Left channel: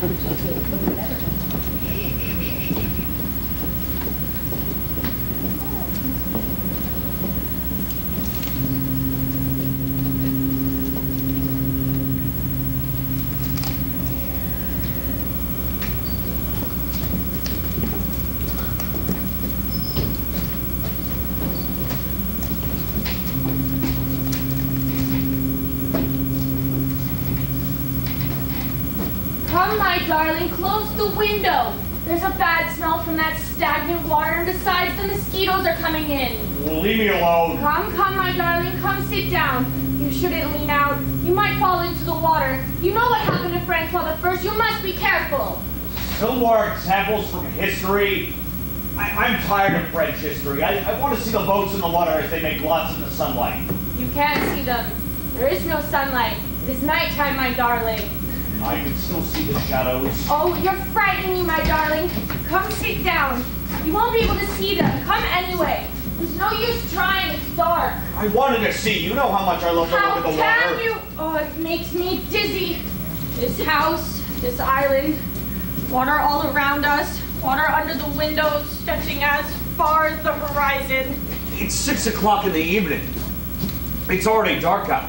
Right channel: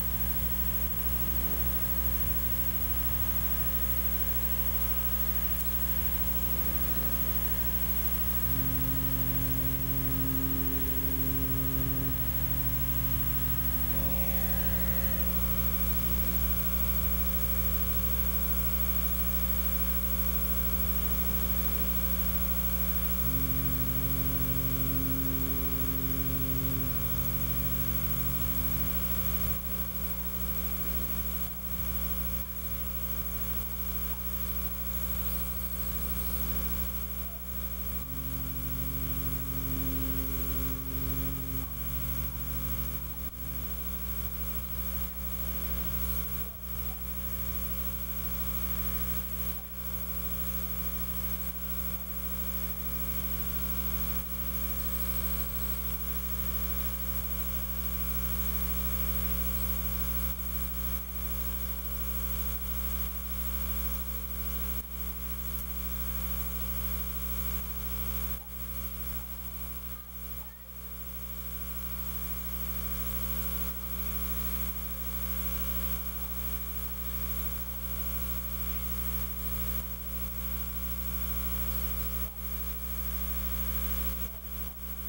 Come, my darling, close the window. There's a bad smell from that stagnant water, and besides, the mosquitoes are coming in. Well, leave me alone. Come, my darling, come sit down. You shouldn't lean out. You might fall into the water. You know what happened to Francois the First. You must be careful. Still more examples from history. I'm tired of French history. I want to see the boats in the water as they make lots in the sunlight. You can't see them. There is no sunlight. It is nighttime, my darling. I can still see the shadows. Oh, you're frightening me, my darling. Come sit down. You won't be able to see them. Come anyway. There's no use trying. It's dark. I wanted to see. You know how much I love to look at the water. How can you? Oh, it makes me dizzy. This house, this island, water all around us, water under the windows, stretching as far as the horizon. It's 6 o'clock in the evening. It's already dark out.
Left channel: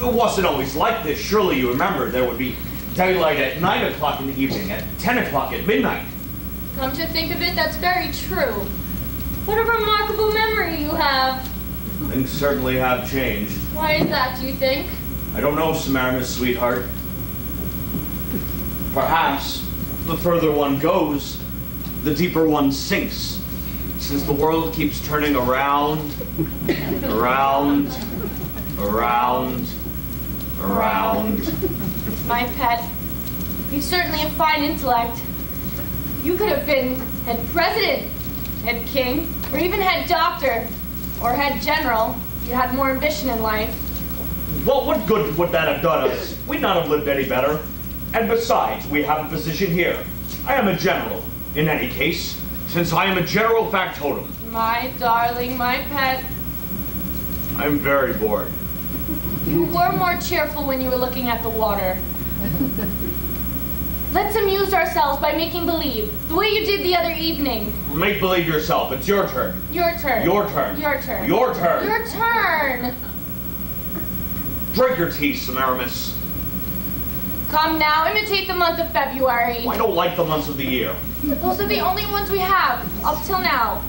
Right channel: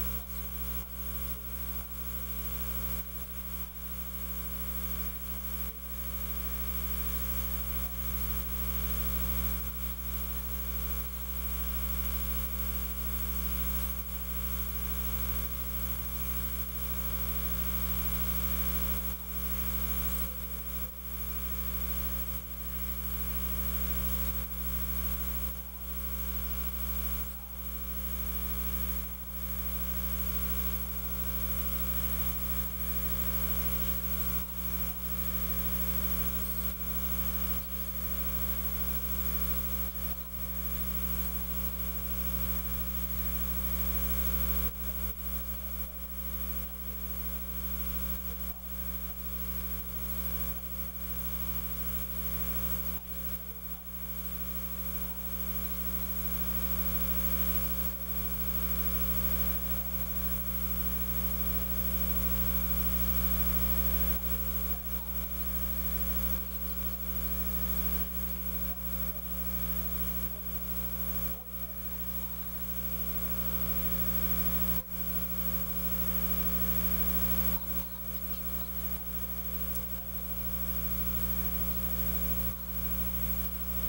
It wasn't always like this. Surely you remember there would be daylight at 9 o'clock in the evening, at 10 o'clock at midnight. Come to think of it, that's very true. What a remarkable memory you have. Things certainly have changed. Why is that, do you think? I don't know, Samara's sweetheart. Perhaps the further one goes, the deeper one sinks. Since the world keeps turning around, around, around, around. My pet, you certainly have fine intellect. You could have been head president, head king, or even head doctor, or head general if you had more ambition in life. Well, what good would that have done us? We'd not have lived any better. And besides, we have a position here. I am a general, in any case, since I am a general factotum. My darling, my pet. I'm very bored. You were more cheerful when you were looking at the water. Let's amuse ourselves by making believe, the way you did the other evening. Make believe yourself. It's your turn. Your turn. Your turn. Your turn. Your turn. Your turn. Drink your tea, Semiramis. Come now, imitate the month of February. I don't like the months of the year. Those are the only ones we have, up till now.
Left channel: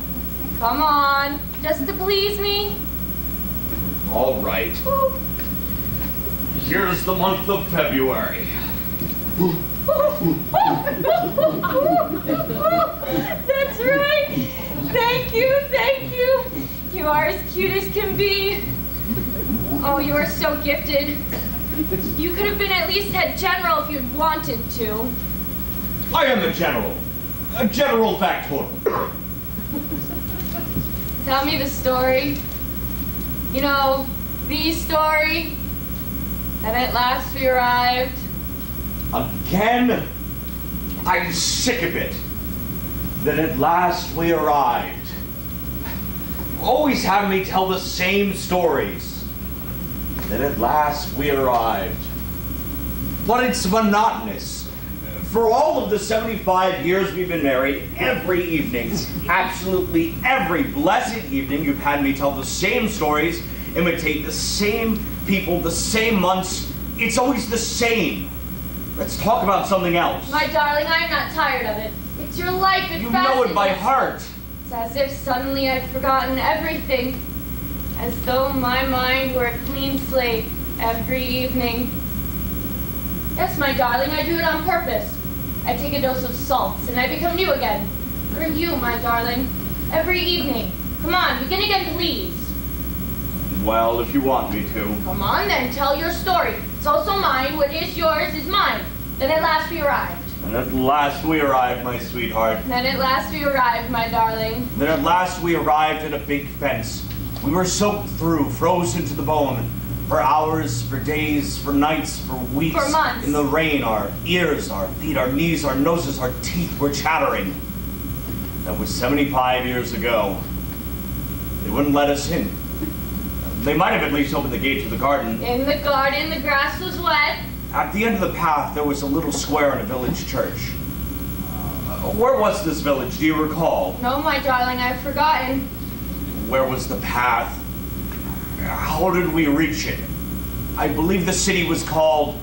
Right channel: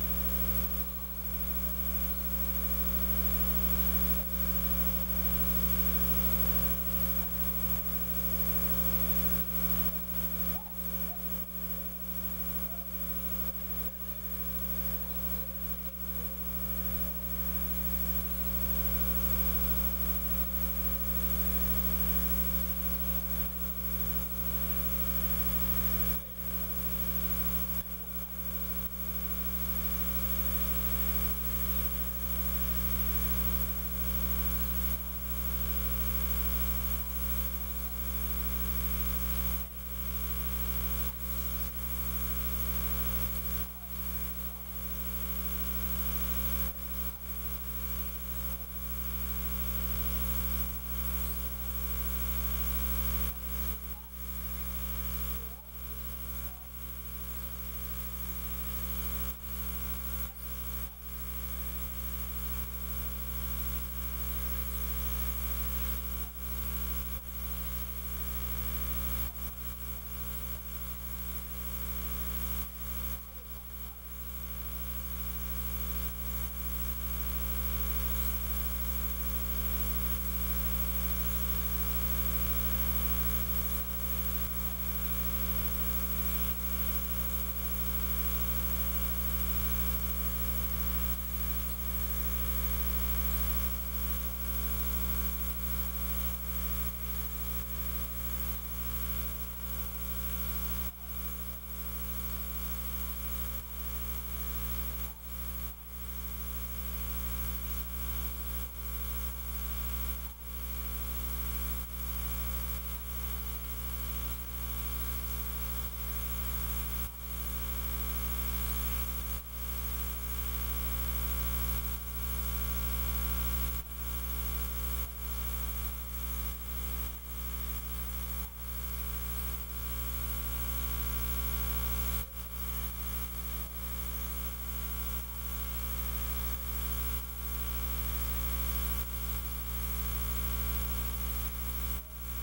Come on, just to please me. All right. Here's the month of February. That's right. Thank you, thank you. You are as cute as can be. Oh, you are so gifted. You could have been at least head general if you'd wanted to. I am a general factotum. Tell me the story. You know, the story. And at last we arrived. Again? I'm sick of it. Then at last we arrived. Always have me tell the same stories. Then at last we arrived. But it's monotonous. For all of the 75 years we've been married, every evening, absolutely every blessed evening, you've had me tell the same stories, imitate the same people, the same months. It's always the same. Let's talk about something else. My darling, I'm not tired of it. It's your life. It You know it by heart. It's as if suddenly I've forgotten everything. As though my mind were a clean slate every evening. Yes, my darling, I do it on purpose. I take a dose of salts and I become new again. For you, my darling, every evening. Come on, begin again, please. Well, if you want me to. Come on then, tell your story. It's also mine. What is yours is mine. Then at last we arrived. And at last we arrived, my sweetheart. Then at last we arrived, my darling. Then at last we arrived at a big fence. We were soaked through, frozen to the bone. For hours, for days, for nights, for weeks. For months. In the rain, our ears, our feet, our knees, our noses, our teeth were chattering. That was 75 years ago. They wouldn't let us in. They might have at least opened the gate to the garden. In the garden, the grass was wet. At the end of the path, there was a little square and a village church. Where was this village? Do you recall? No, my darling, I've forgotten. Where was the path? How did we reach it? I believe the city was called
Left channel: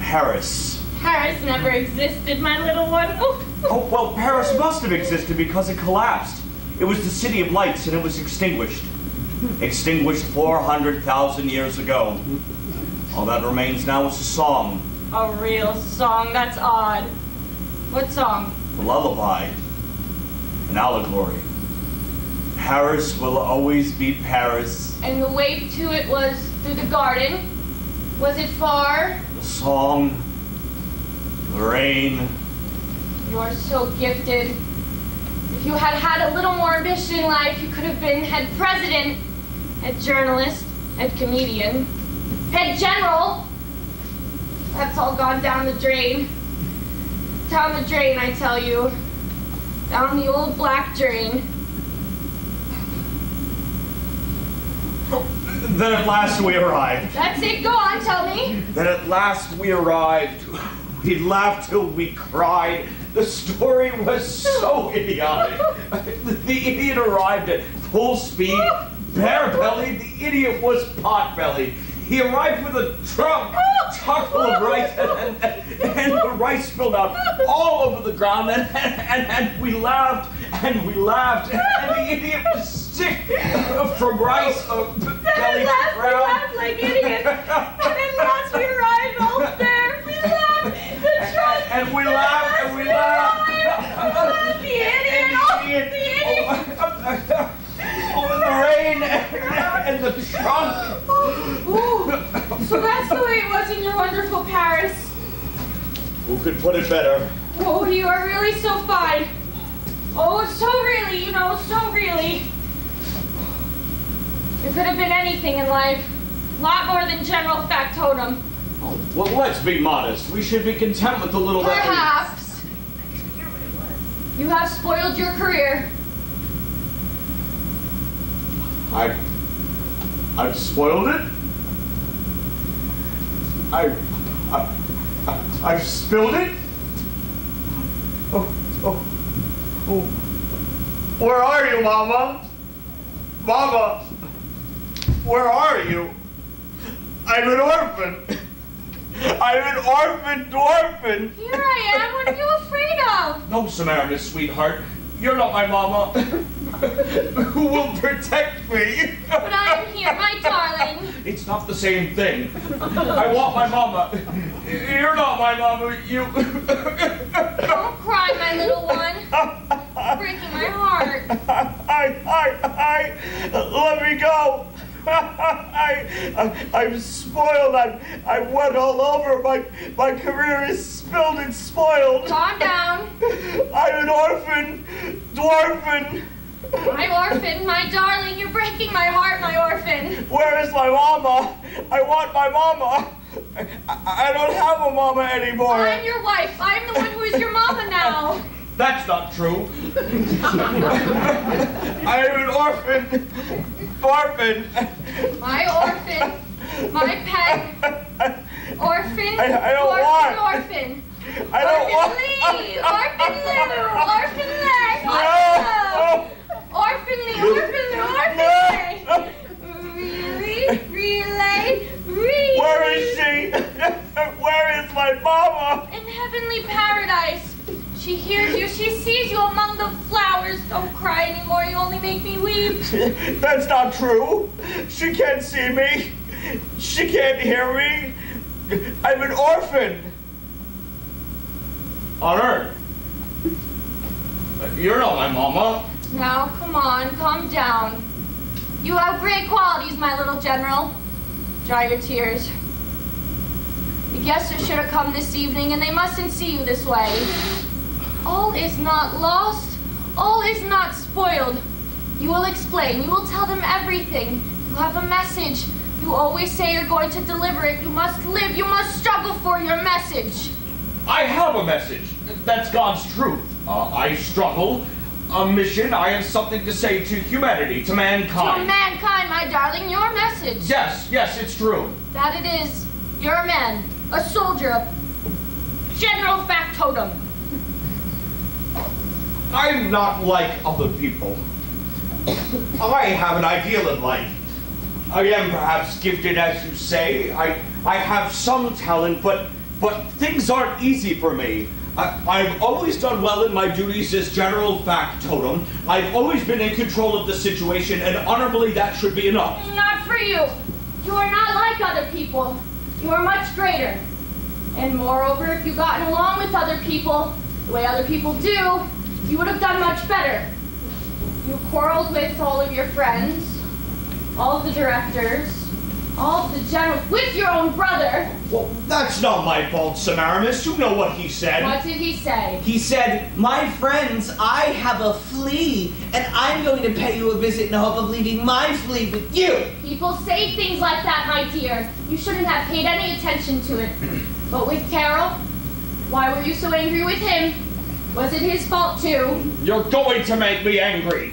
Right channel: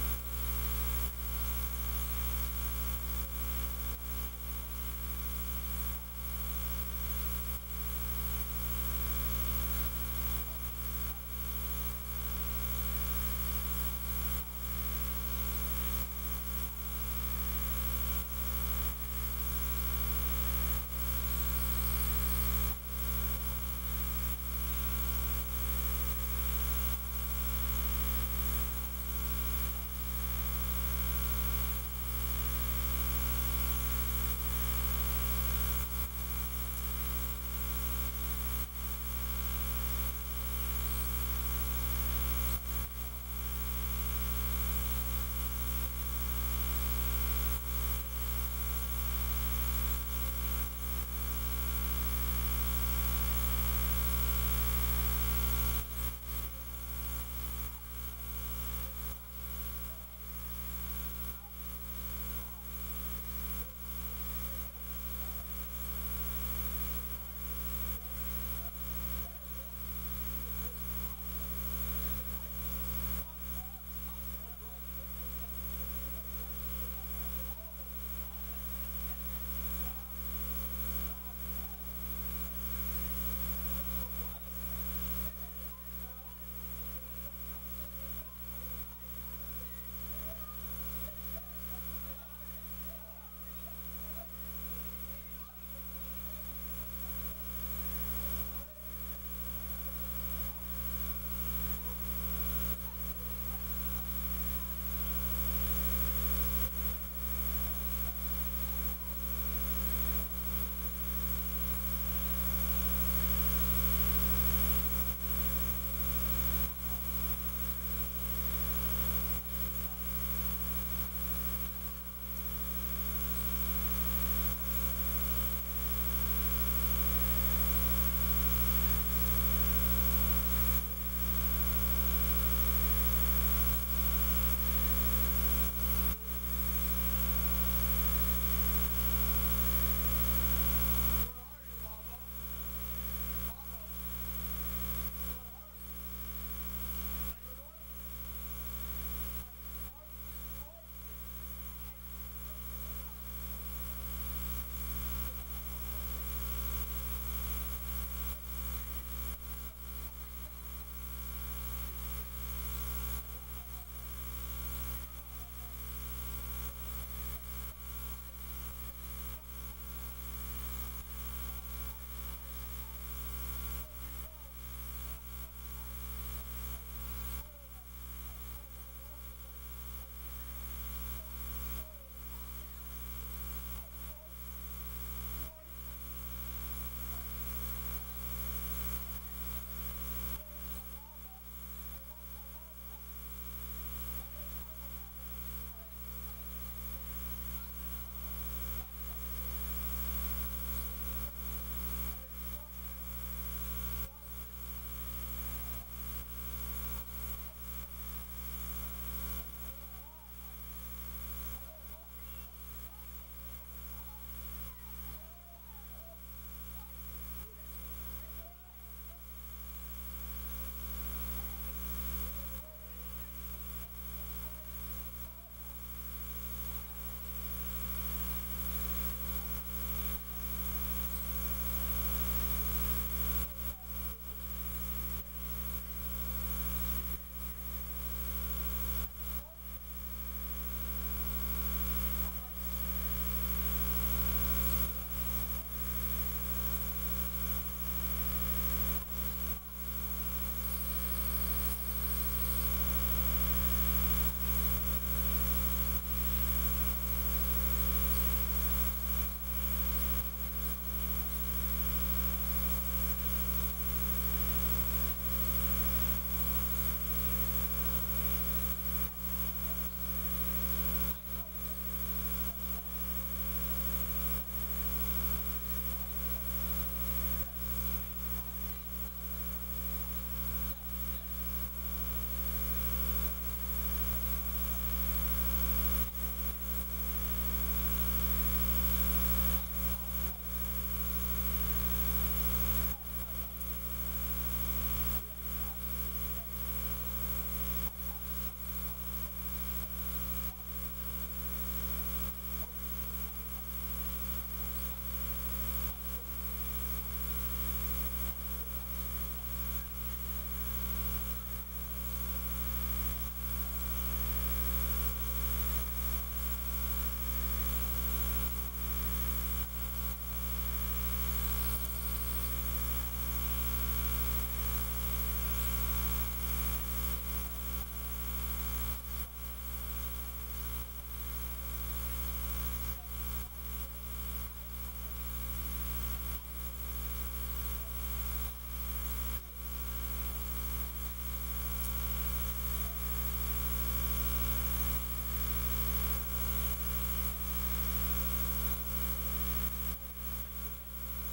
Paris. Paris never existed, my little one. Oh, well, Paris must have existed because it collapsed. It was the city of lights and it was extinguished. Extinguished 400,000 years ago. All that remains now is a song. A real song, that's odd. What song? A lullaby. An allegory. Paris will always be Paris. And the way to it was through the garden? Was it far? The song. The rain. You're so gifted. If you had had a little more ambition in life, you could have been head president, head journalist, head comedian, head general. That's all gone down the drain. Down the drain, I tell you. Down the old black drain. Then at last we arrived. That's it, go on, tell me. Then at last we arrived. We laughed till we cried. The story was so idiotic. The idiot arrived at full speed, bare-bellied. The idiot was pot-bellied. He arrived with a trunk chock full of rice, and the rice spilled out all over the ground, and we laughed, and we laughed, and the idiot was sick from rice, belly to ground. We laughed like idiots, and at last we arrived all there. We laughed, the trunk, and we laughed, and we laughed. The idiot, the idiot. Oh, the rain, and the trunk. Ooh, so that's the way it was in your wonderful Paris. Who could put it better? Oh, you are really so fine. Oh, so really, you know, so really. You could have been anything in life. A lot more than general factotum. Oh, well, let's be modest. We should be content with the little that Perhaps. You have spoiled your career. I've spoiled it. I've spilled it. Oh. Where are you, Mama? Mama, where are you? I'm an orphan. I'm an orphan dwarfin. Here I am. What are you afraid of? No, Samaritan, sweetheart. You're not my mama. Who will protect me? But I am here, my darling. It's not the same thing. I want my mama. You're not my mama. You. Don't cry, my little one. You're breaking my heart. Let me go. I'm spoiled. I'm wet all over. My career is spilled and spoiled. Calm down. I'm an orphan, dwarfin. My orphan, my darling, you're breaking my heart, my orphan. Where is my mama? I want my mama. I don't have a mama anymore. I'm your wife. I'm the one who is your mama now. That's not true. I'm an orphan. Orphan. My orphan. My pet. Orphan. I don't orphan, want. Orphan. I don't want. Orphan Lee. Orphan Lou. Orphan Lex. No. Orphan Lee. Orphan Lou. Orphan Lex. Really? Where is she? Where is my mama? In heavenly paradise. She hears you. She sees you among the flowers. Don't cry anymore. You only make me weep. That's not true. She can't see me. She can't hear me. I'm an orphan. On Earth. You're not my mama. Now, come on. Calm down. You have great qualities, my little general. Dry your tears. The guests should have come this evening, and they mustn't see you this way. All is not lost. All is not spoiled. You will explain. You will tell them everything. You have a message. You always say you're going to deliver it. You must live. You must struggle for your message. I have a message. That's God's truth. I struggle. A mission. I have something to say to humanity, to mankind. To mankind, my darling, your message. Yes, it's true. That it is. You're a man. a soldier, a general factotum. I'm not like other people. I have an ideal in life. I am perhaps gifted, as you say. I have some talent, but things aren't easy for me. I've always done well in my duties as general factotum. I've always been in control of the situation, and honorably that should be enough. Not for you. You are not like other people. You are much greater. And moreover, if you gotten along with other people, the way other people do, you would have done much better. You quarreled with all of your friends, all of the directors, all of the generals, with your own brother. Well, that's not my fault, Semiramis. You know what he said. What did he say? He said, "My friends, I have a flea, and I'm going to pay you a visit in the hope of leaving my flea with you." People say things like that, my dear. You shouldn't have paid any attention to it. But with Carol, why were you so angry with him? Was it his fault too? You're going to make me angry.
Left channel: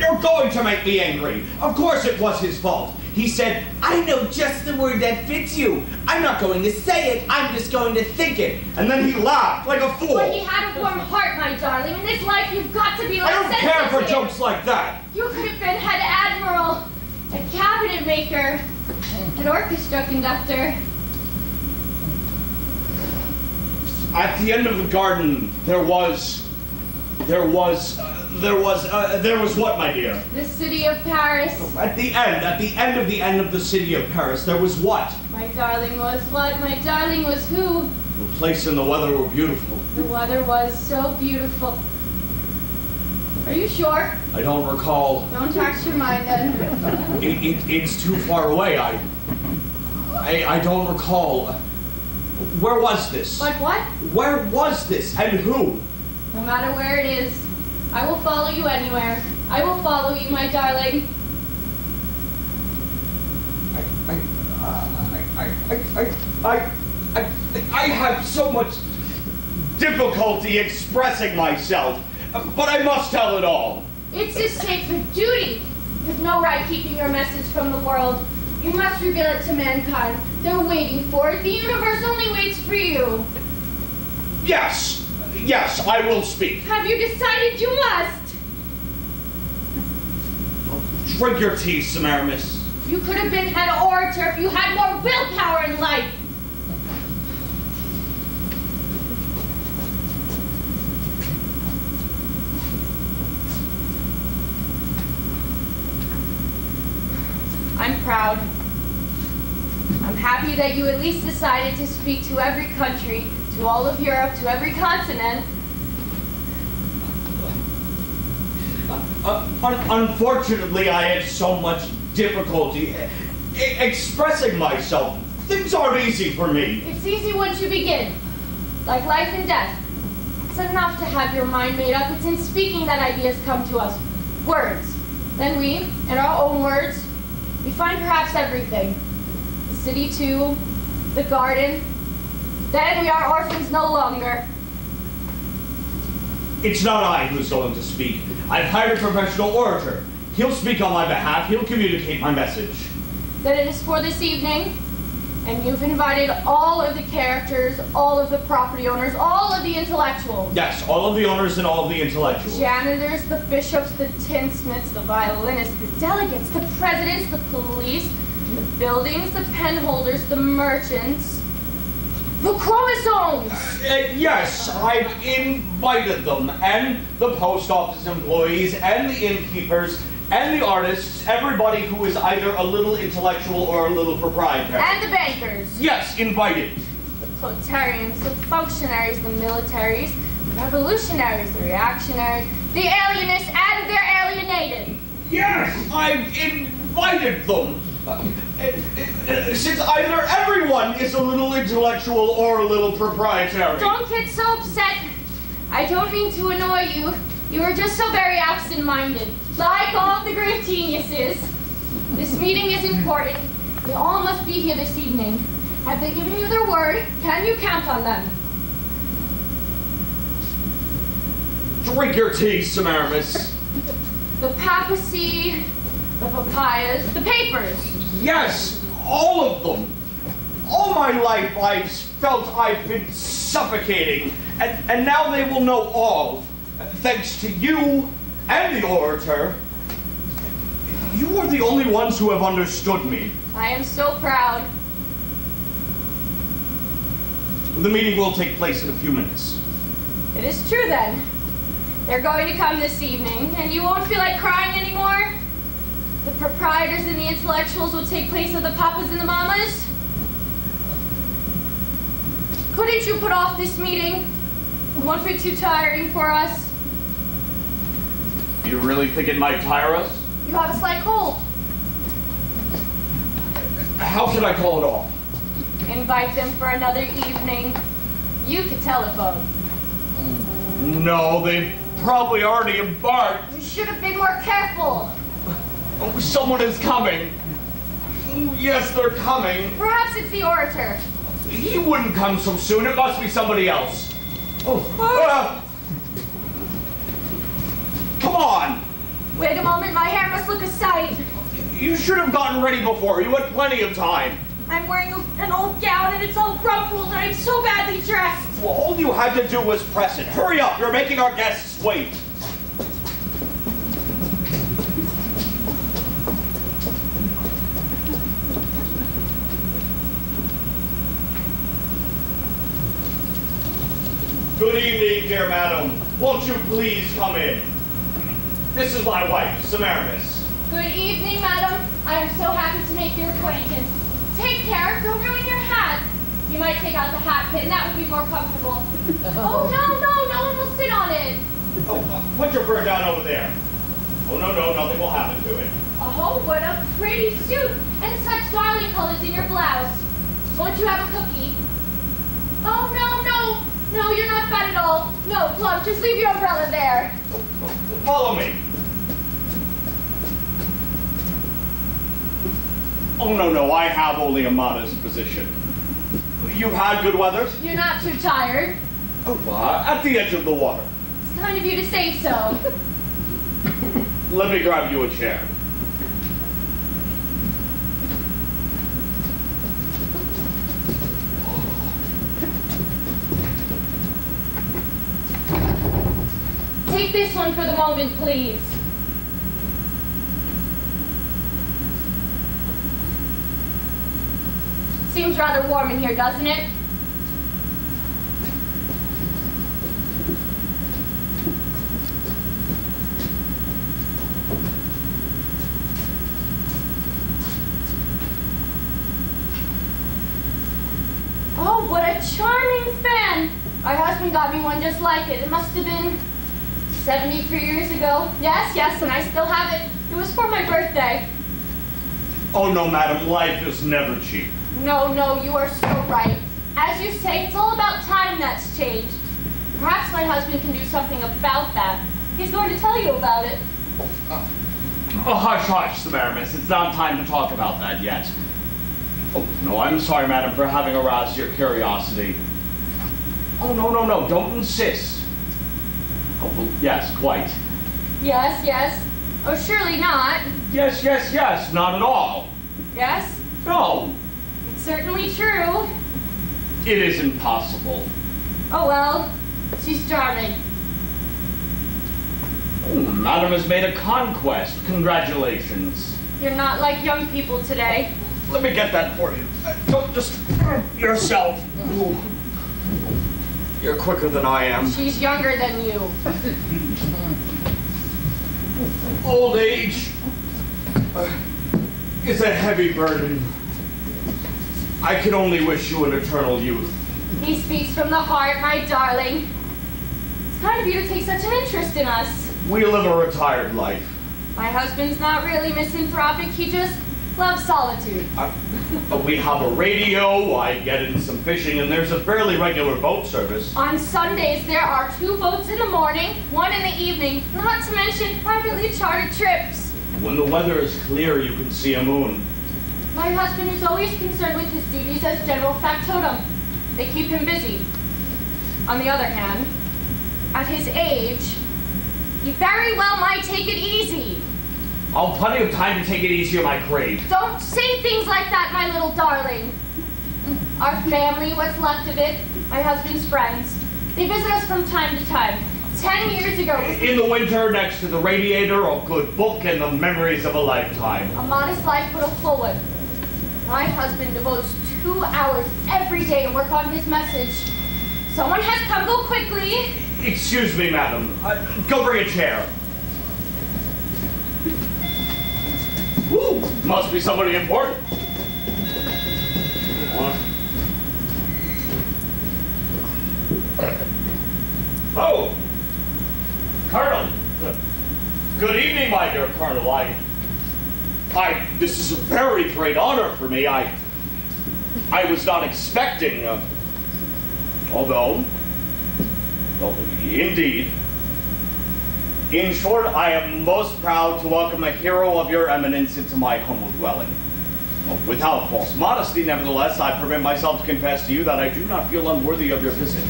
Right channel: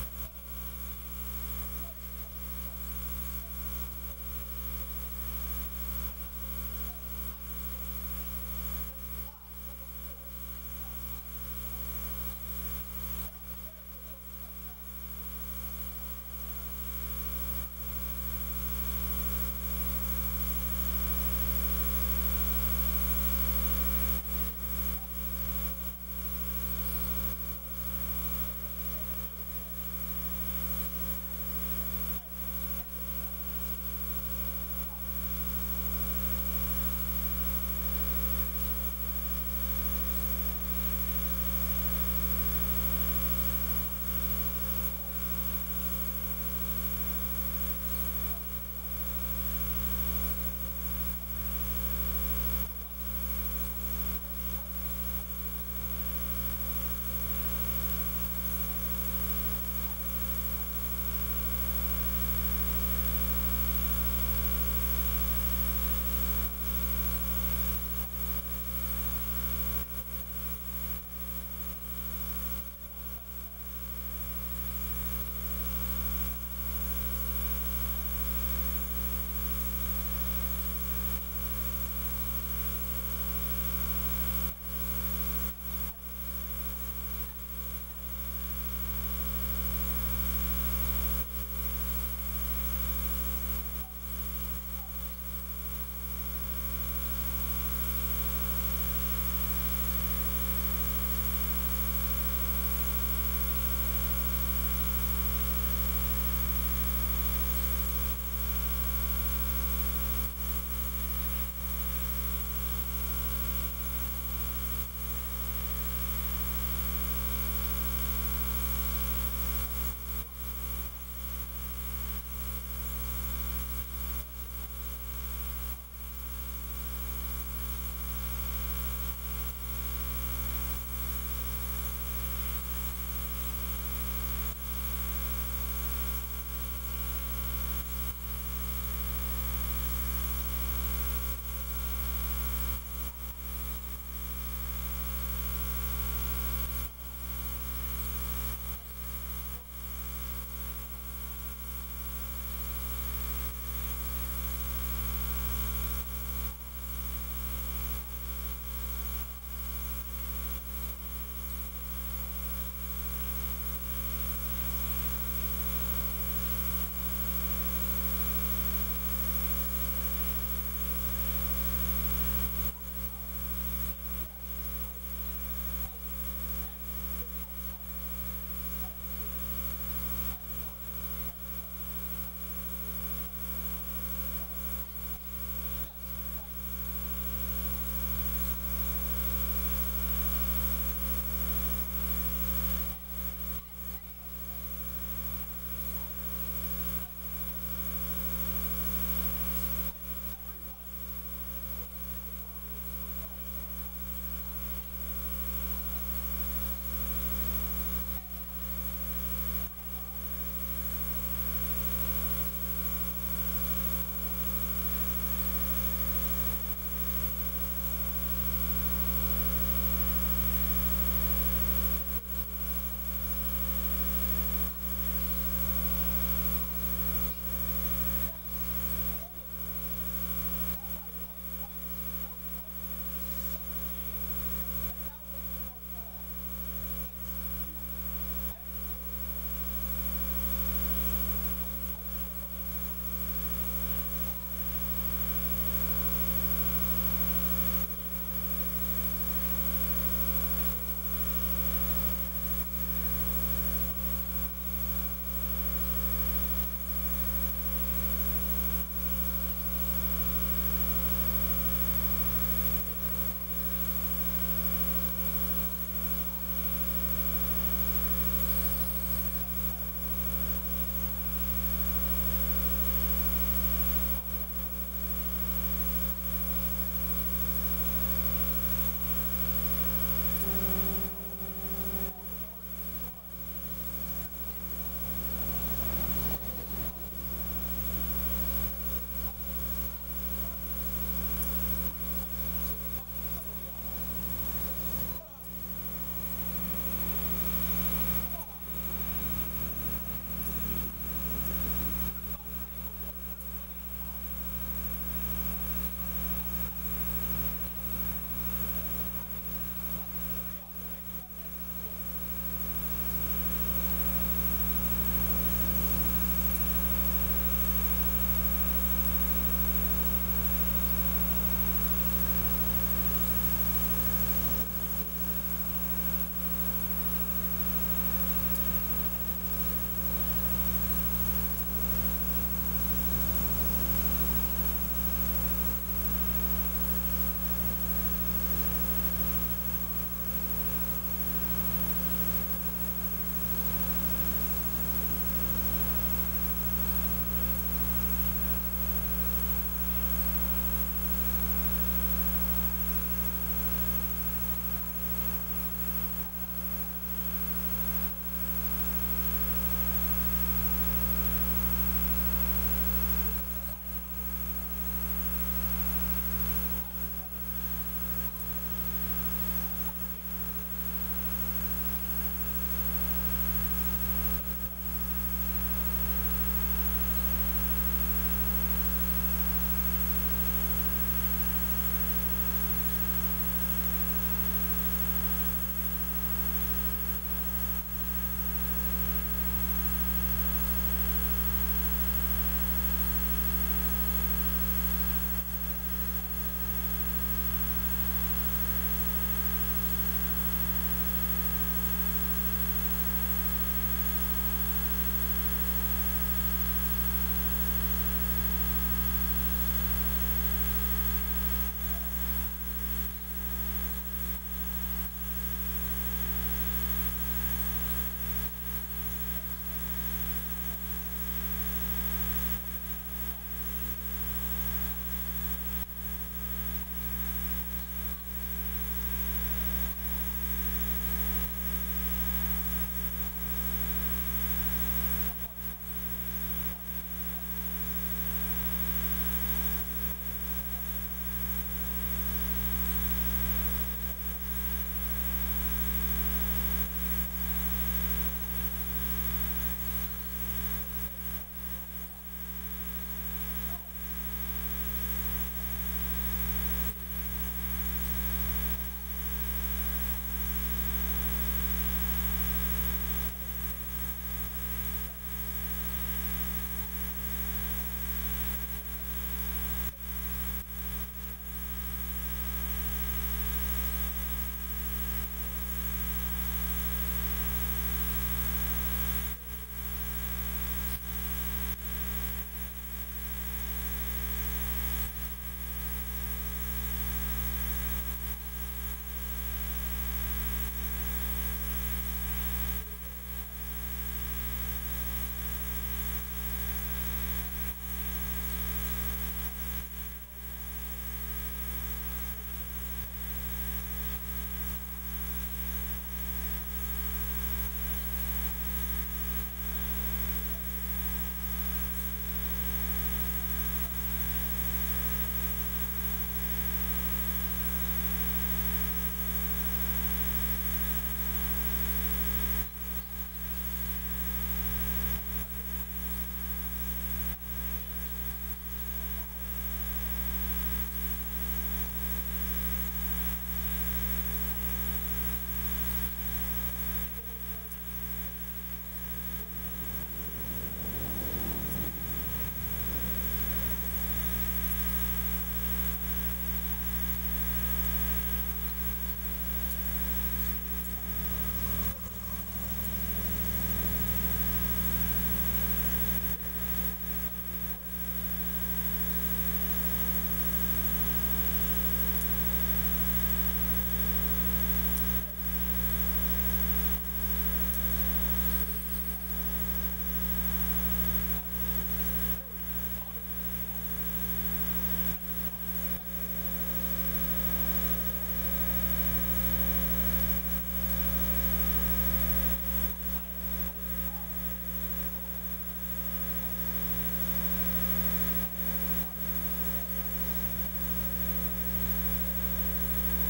You're going to make me angry. Of course it was his fault. He said, "I know just the word that fits you. I'm not going to say it, I'm just going to think it." And then he laughed like a fool. But he had a warm heart, my darling. In this life, you've got to be like I don't care for jokes like that. You could have been head admiral, a cabinet maker, an orchestra conductor. At the end of the garden, there was what, my dear? The city of Paris. At the end of the city of Paris, there was what? My darling was what? My darling was who? The place and the weather were beautiful. The weather was so beautiful. Are you sure? I don't recall. Don't tax your mind then. It's too far away. I don't recall. Where was this? But what? Where was this and who? No matter where it is, I will follow you anywhere. I will follow you, my darling. I have so much difficulty expressing myself, but I must tell it all. It's a sacred duty. There's no right keeping your message from the world. You must reveal it to mankind. They're waiting for it. The universe only waits for you. Yes, I will speak. Have you decided you must? Drink your tea, Semiramis. You could have been head orator if you had more willpower in life. I'm proud. I'm happy that you at least decided to speak to every country, to all of Europe, to every continent. Unfortunately, I had so much difficulty expressing myself. Things aren't easy for me. It's easy once you begin. Like life and death. It's enough to have your mind made up. It's in speaking that ideas come to us. Words. Then we, in our own words, we find perhaps everything. The city too, the garden. Then we are orphans no longer. It's not I who's going to speak. I've hired a professional orator. He'll speak on my behalf. He'll communicate my message. Then it is for this evening, and you've invited all of the characters, all of the property owners, all of the intellectuals. Yes, all of the owners and all of the intellectuals. Janitors, the bishops, the tinsmiths, the violinists, the delegates, the presidents, the police, the buildings, the pen holders, the merchants, the chromosomes! Yes, I've invited them, and the post office employees, and the innkeepers, and the artists, everybody who is either a little intellectual or a little proprietary. And the bankers. Yes, invited. The proletarians, the functionaries, the militaries, the revolutionaries, the reactionaries, the alienists, and their alienated. Yes, I've invited them. Since either everyone is a little intellectual or a little proprietary. Don't get so upset. I don't mean to annoy you. You are just so very absent-minded. Like all the great geniuses. This meeting is important. They all must be here this evening. Have they given you their word? Can you count on them? Drink your tea, Semiramis. The papacy, the papayas, the papers. Yes, all of them. All my life I felt I've been suffocating, and now they will know all. Thanks to you and the orator. You are the only ones who have understood me. I am so proud. The meeting will take place in a few minutes. It is true then. They're going to come this evening, and you won't feel like crying anymore? The proprietors and the intellectuals will take place of the papas and the mamas? Couldn't you put off this meeting? It won't be too tiring for us. You really think it might tire us? You have a slight cold. How should I call it off? Invite them for another evening. You could telephone. No, they've probably already embarked. You should have been more careful. Oh, someone is coming. Yes, they're coming. Perhaps it's the orator. He wouldn't come so soon. It must be somebody else. Oh, come on. Wait a moment, my hair must look a sight. You should have gotten ready before. You had plenty of time. I'm wearing an old gown and it's all rumpled and I'm so badly dressed. Well, all you had to do was press it. Hurry up. You're making our guests wait. Good evening, dear madam. Won't you please come in? This is my wife, Semiramis. Good evening, madam. I am so happy to make your acquaintance. Take care, don't ruin your hat. You might take out the hat pin, that would be more comfortable. Oh, no one will sit on it. Oh, put your fur down over there. Oh, no, nothing will happen to it. Oh, what a pretty suit, and such darling colors in your blouse. Won't you have a cookie? Oh, no, you're not fat at all. No, Plum, just leave your umbrella there. Follow me. Oh, no, I have only a modest position. You've had good weather? You're not too tired. Oh, at the edge of the water. It's kind of you to say so. Let me grab you a chair. Take this one for the moment, please. Seems rather warm in here, doesn't it? Oh, what a charming fan! Our husband got me one just like it. It must have been 73 years ago. Yes, and I still have it. It was for my birthday. Oh, no, madam, life is never cheap. No, you are so right. As you say, it's all about time that's changed. Perhaps my husband can do something about that. He's going to tell you about it. Oh, hush, Semiramis. It's not time to talk about that yet. Oh, no, I'm sorry, madam, for having aroused your curiosity. Oh, no, don't insist. Oh, well, yes, quite. Yes. Oh, surely not. Yes, not at all. Yes? No, It's certainly true. it is impossible. Oh, well, she's charming. Oh, madam has made a conquest. Congratulations. You're not like young people today. Let me get that for you. Don't just yourself. Ooh. You're quicker than I am. She's younger than you. Old age is a heavy burden. I can only wish you an eternal youth. He speaks from the heart, my darling. It's kind of you to take such an interest in us. We live a retired life. My husband's not really misanthropic. He just loves solitude. But we have a radio, I get in some fishing, and there's a fairly regular boat service. On Sundays, there are 2 boats in the morning, 1 in the evening, not to mention privately chartered trips. When the weather is clear, you can see a moon. My husband is always concerned with his duties as general factotum. They keep him busy. On the other hand, at his age, he very well might take it easy. I'll have plenty of time to take it easy on my crave. Don't say things like that, my little darling. Our family, what's left of it, my husband's friends, they visit us from time to time. 10 years ago. In the winter, next to the radiator, a good book and the memories of a lifetime. A modest life, but a full one. My husband devotes 2 hours every day to work on his message. Someone has come. Go quickly. Excuse me, madam. Go bring a chair. Ooh, must be somebody important. Oh, Colonel. Good evening, my dear Colonel. This is a very great honor for me. I was not expecting, although, indeed. In short, I am most proud to welcome a hero of your eminence into my humble dwelling. Without false modesty, nevertheless, I permit myself to confess to you that I do not feel unworthy of your visit.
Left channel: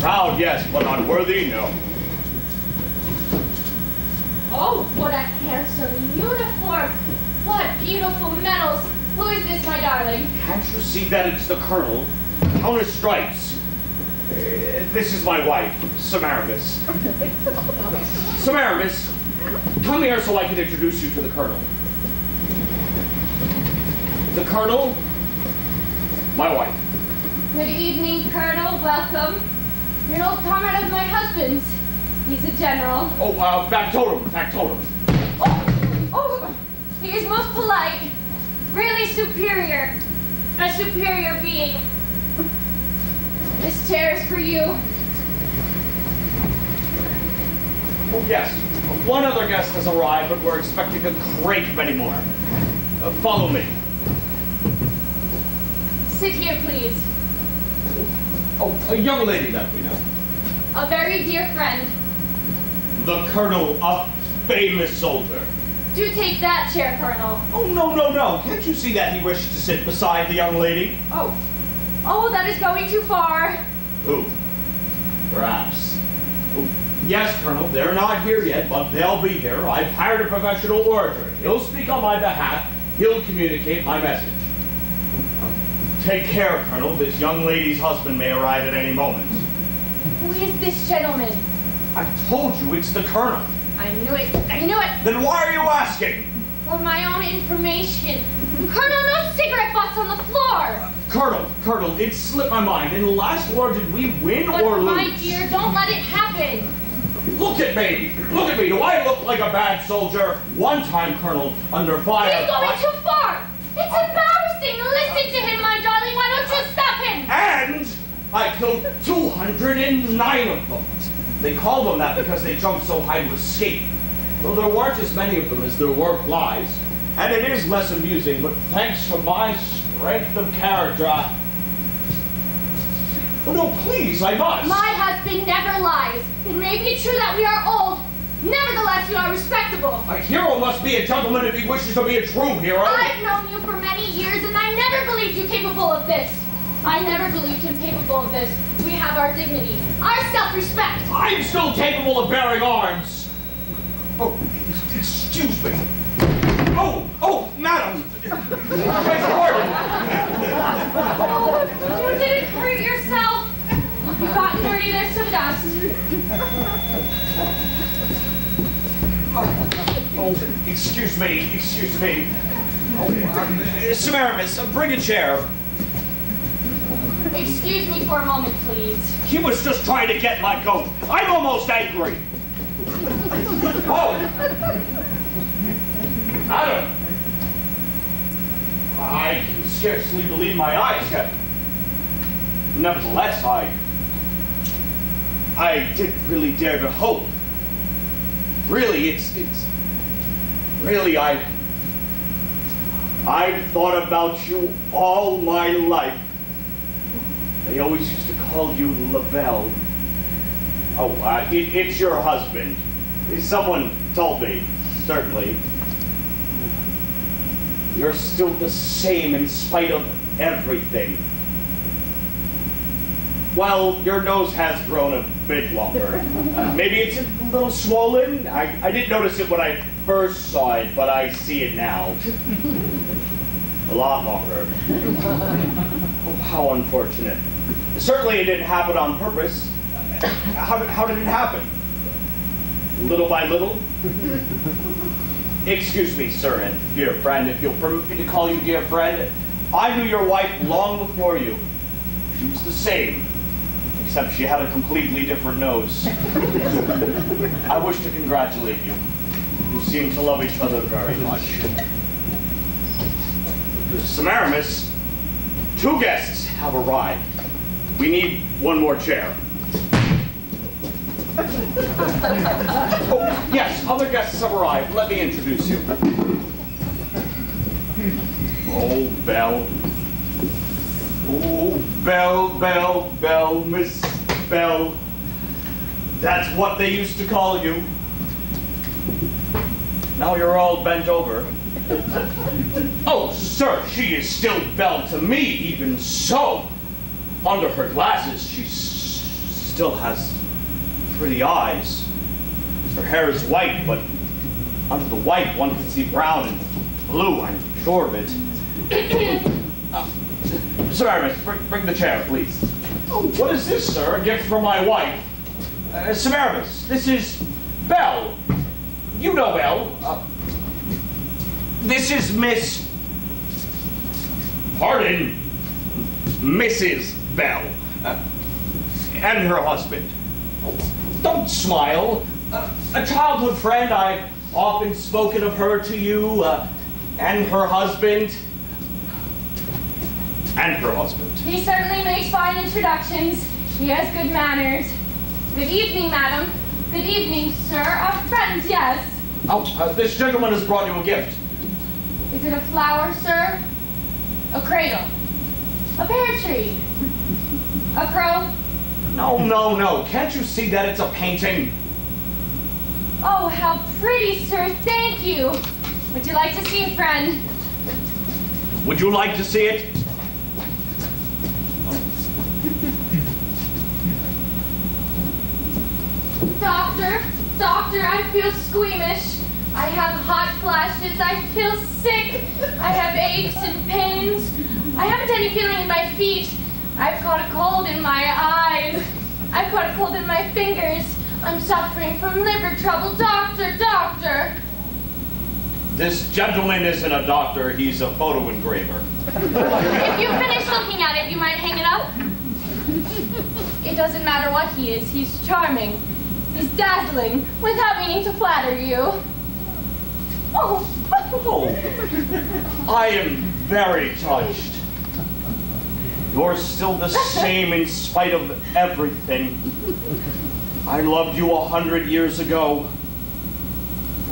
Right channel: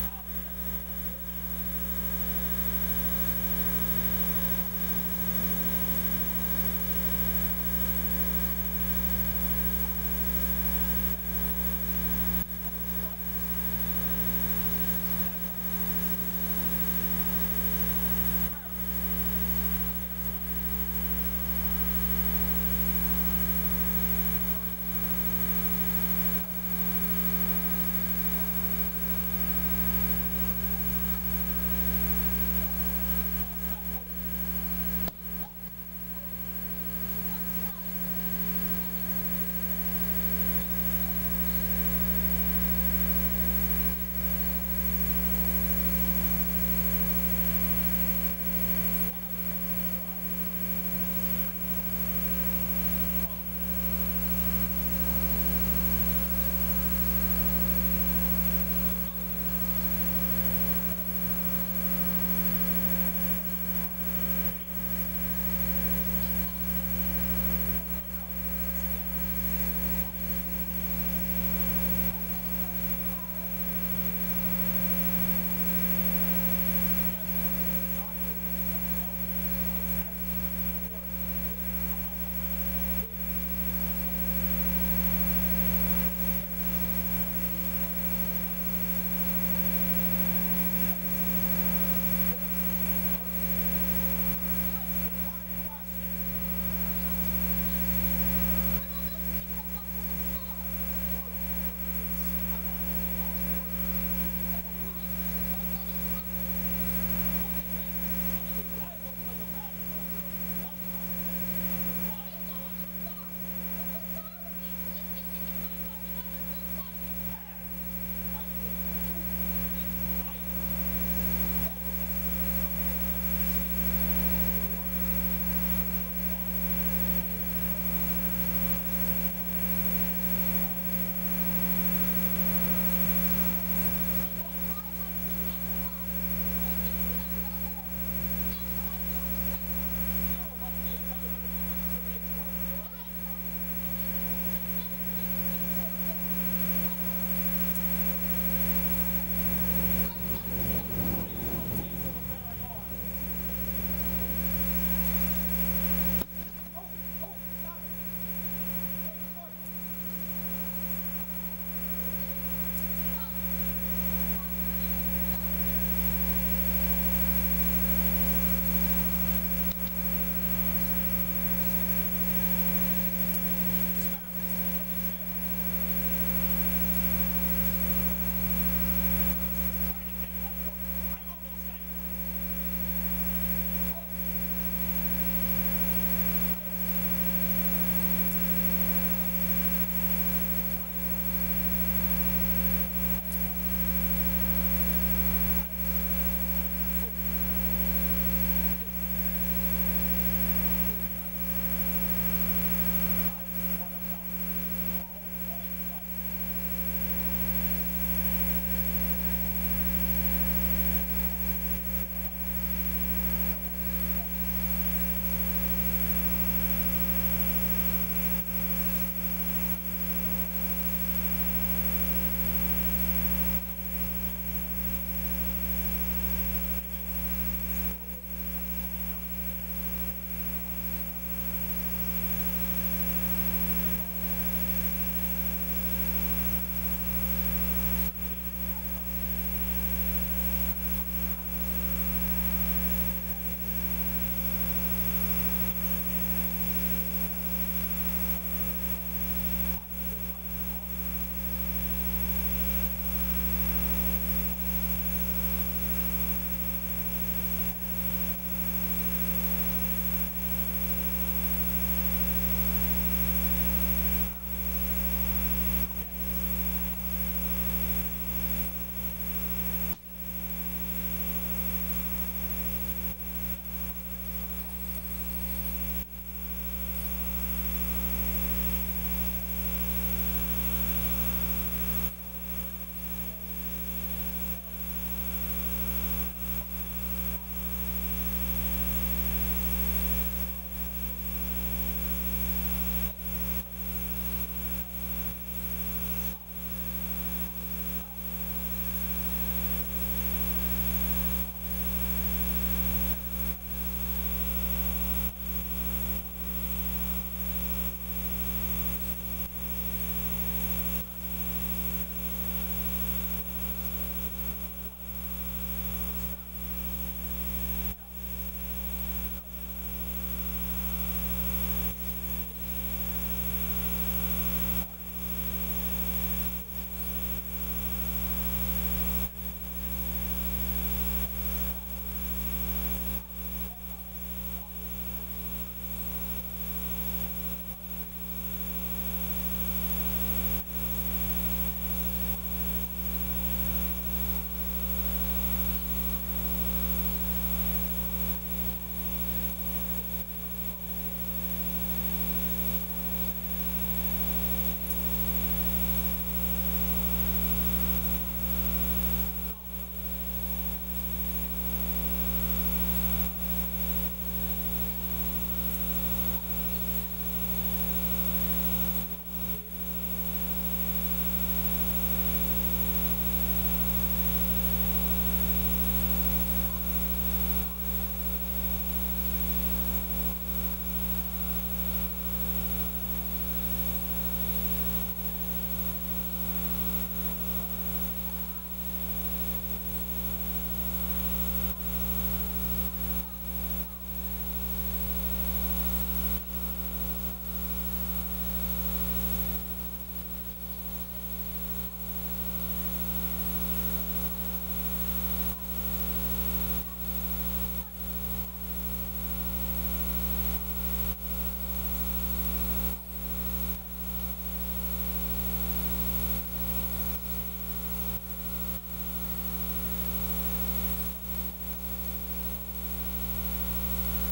Proud, yes, but unworthy, no. Oh, what a handsome uniform! What beautiful medals! Who is this, my darling? Can't you see that it's the Colonel? Counter stripes. This is my wife, Samaramis. Samaramis, come here so I can introduce you to the Colonel. The Colonel, my wife. Good evening, Colonel. Welcome. You're an old comrade of my husband's. He's a general. Oh, factotum. Oh, he is most polite. Really superior. A superior being. This chair is for you. Oh, yes. One other guest has arrived, but we're expecting a great many more. Follow me. Sit here, please. Oh, a young lady that we know. A very dear friend. The Colonel, a famous soldier. Do take that chair, Colonel. Oh, no. Can't you see that he wishes to sit beside the young lady? Oh, that is going too far. Who? Perhaps. Oh, yes, Colonel, they're not here yet, but they'll be here. I've hired a professional orator. He'll speak on my behalf. He'll communicate my message. Take care, Colonel. This young lady's husband may arrive at any moment. Who is this gentleman? I told you it's the Colonel. I knew it. Then why are you asking? For my own information. Colonel, no cigarette butts on the floor! Colonel, it slipped my mind. In the last war, did we win But or lose? my dear, don't let it happen. Look at me. Do I look like a bad soldier? One time, Colonel, under fire. He's going too far. It's embarrassing. Listen to him, my darling. Why don't you stop him? And I killed 209 of them. They called them that because they jumped so high to escape. Though there weren't as many of them as there were flies. And it is less amusing, but thanks to my strength of character, Oh, no, please, I must. My husband never lies. It may be true that we are old. Nevertheless, we are respectable. A hero must be a gentleman if he wishes to be a true hero. I've known you for many years, and I never believed you capable of this. I never believed him capable of this. We have our dignity, our self-respect. I'm still capable of bearing arms. Oh, excuse me. Oh, madam. Beg pardon. Oh, you didn't hurt yourself. You've gotten dirty, there's some dust. Oh, excuse me. Oh, Samaramis, bring a chair. Excuse me for a moment, please. He was just trying to get my coat. I'm almost angry. Oh! Adam! I can scarcely believe my eyes yet. Nevertheless, I didn't really dare to hope. Really, really, I've thought about you all my life. I always used to call you LaBelle. Oh, it's your husband. Someone told me, certainly. You're still the same in spite of everything. Well, your nose has grown a bit longer. Maybe it's a little swollen. I didn't notice it when I first saw it, but I see it now. A lot longer. How unfortunate. Certainly it didn't happen on purpose. How did it happen? Little by little? Excuse me, sir and dear friend, if you'll permit me to call you dear friend. I knew your wife long before you. She was the same, except she had a completely different nose. I wish to congratulate you. You seem to love each other very much. Semiramis, 2 guests have arrived. We need one more chair. Oh, yes, other guests have arrived. Let me introduce you. Oh, Belle. Oh, Belle, Miss Belle. That's what they used to call you. Now you're all bent over. Oh, sir, she is still Belle to me, even so. Under her glasses, she still has pretty eyes. Her hair is white, but under the white, one can see brown and blue, I'm sure of it. Semiramis, bring the chair, please. Oh, what is this, sir? A gift from my wife. Semiramis, this is Belle. You know Belle. This is Miss... Pardon? Mrs. Belle. And her husband. Oh, don't smile. A childhood friend. I've often spoken of her to you. And her husband. And her husband. He certainly makes fine introductions. He has good manners. Good evening, madam. Good evening, sir. Friends, yes. Oh, this gentleman has brought you a gift. Is it a flower, sir? A cradle? A pear tree? A crow? No. Can't you see that it's a painting? Oh, how pretty, sir. Thank you. Would you like to see it, friend? Would you like to see it? Doctor, I feel squeamish. I have hot flashes. I feel sick. I have aches and pains. I haven't any feeling in my feet. I've caught a cold in my eyes. I've caught a cold in my fingers. I'm suffering from liver trouble. Doctor. This gentleman isn't a doctor. He's a photo engraver. If you finish looking at it, you might hang it up. It doesn't matter what he is. He's charming. He's dazzling, without meaning to flatter you. Oh. I am very touched. You're still the same in spite of everything. I loved you 100 years ago.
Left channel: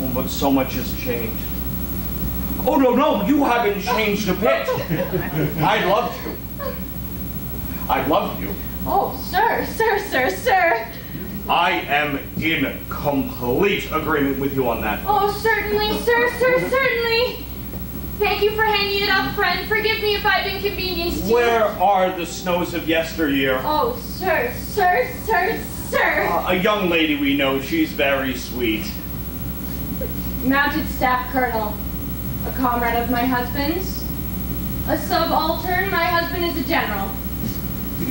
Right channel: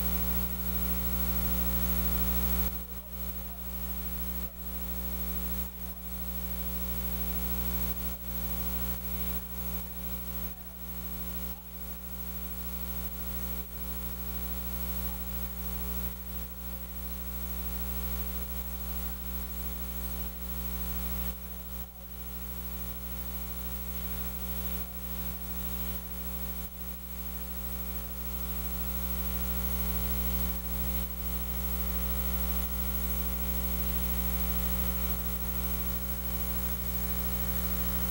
Oh, but so much has changed. Oh, no, you haven't changed a bit. I loved you. Oh, sir. I am in complete agreement with you on that. Oh, certainly, sir, certainly. Thank you for hanging it up, friend. Forgive me if I've inconvenienced you. Where are the snows of yesteryear? Oh, sir. A young lady we know, she's very sweet. Mounted staff colonel, a comrade of my husband's. A subaltern, my husband is a general.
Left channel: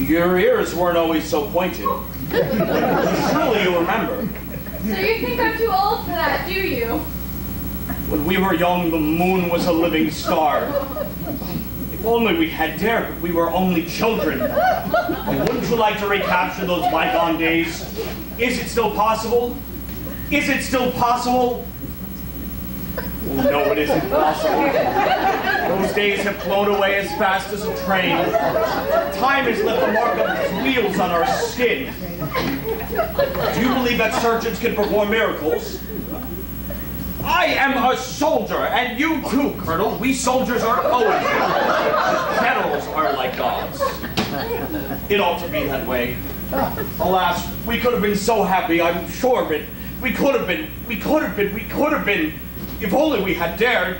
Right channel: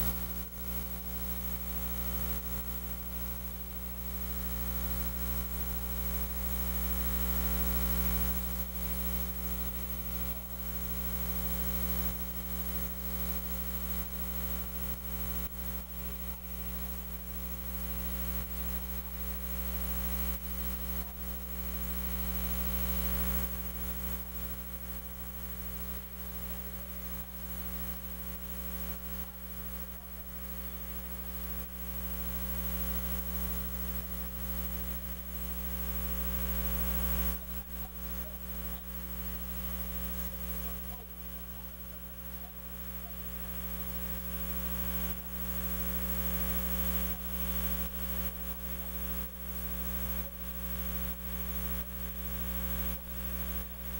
Your ears weren't always so pointed. Surely you remember. So you think I'm too old for that, do you? When we were young, the moon was a living star. If only we had dared, but we were only children. Wouldn't you like to recapture those bygone days? Is it still possible? Oh, no, it isn't possible. Those days have flown away as fast as a train. Time has left a mark of its wheels on our skin. Do you believe that surgeons can perform miracles? I am a soldier, and you too, Colonel. We soldiers are poets. Generals are like gods. It ought to be that way. Alas, we could have been so happy, I'm sure of it. We could have been. If only we had dared.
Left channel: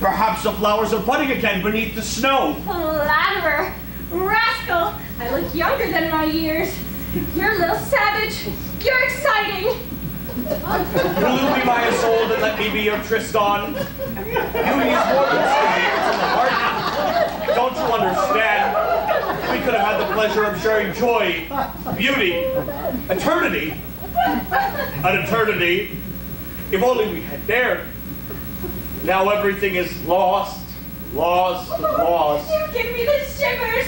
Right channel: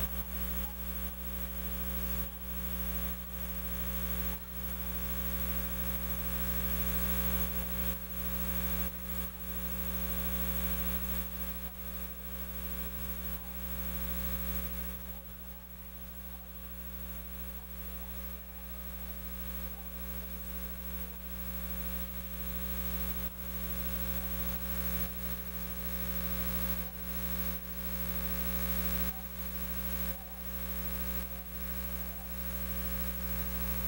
Perhaps the flowers are budding again beneath the snow. Flatterer, rascal, I look younger than my years. You're a little savage. You're exciting. Will you be my Isolde and let me be your Tristan? Beauty is more than skin, it's in the heart. Don't you understand? We could have had the pleasure of sharing joy, beauty, eternity. An eternity, if only we had dared. Now everything is lost, lost, lost. You give me the shivers.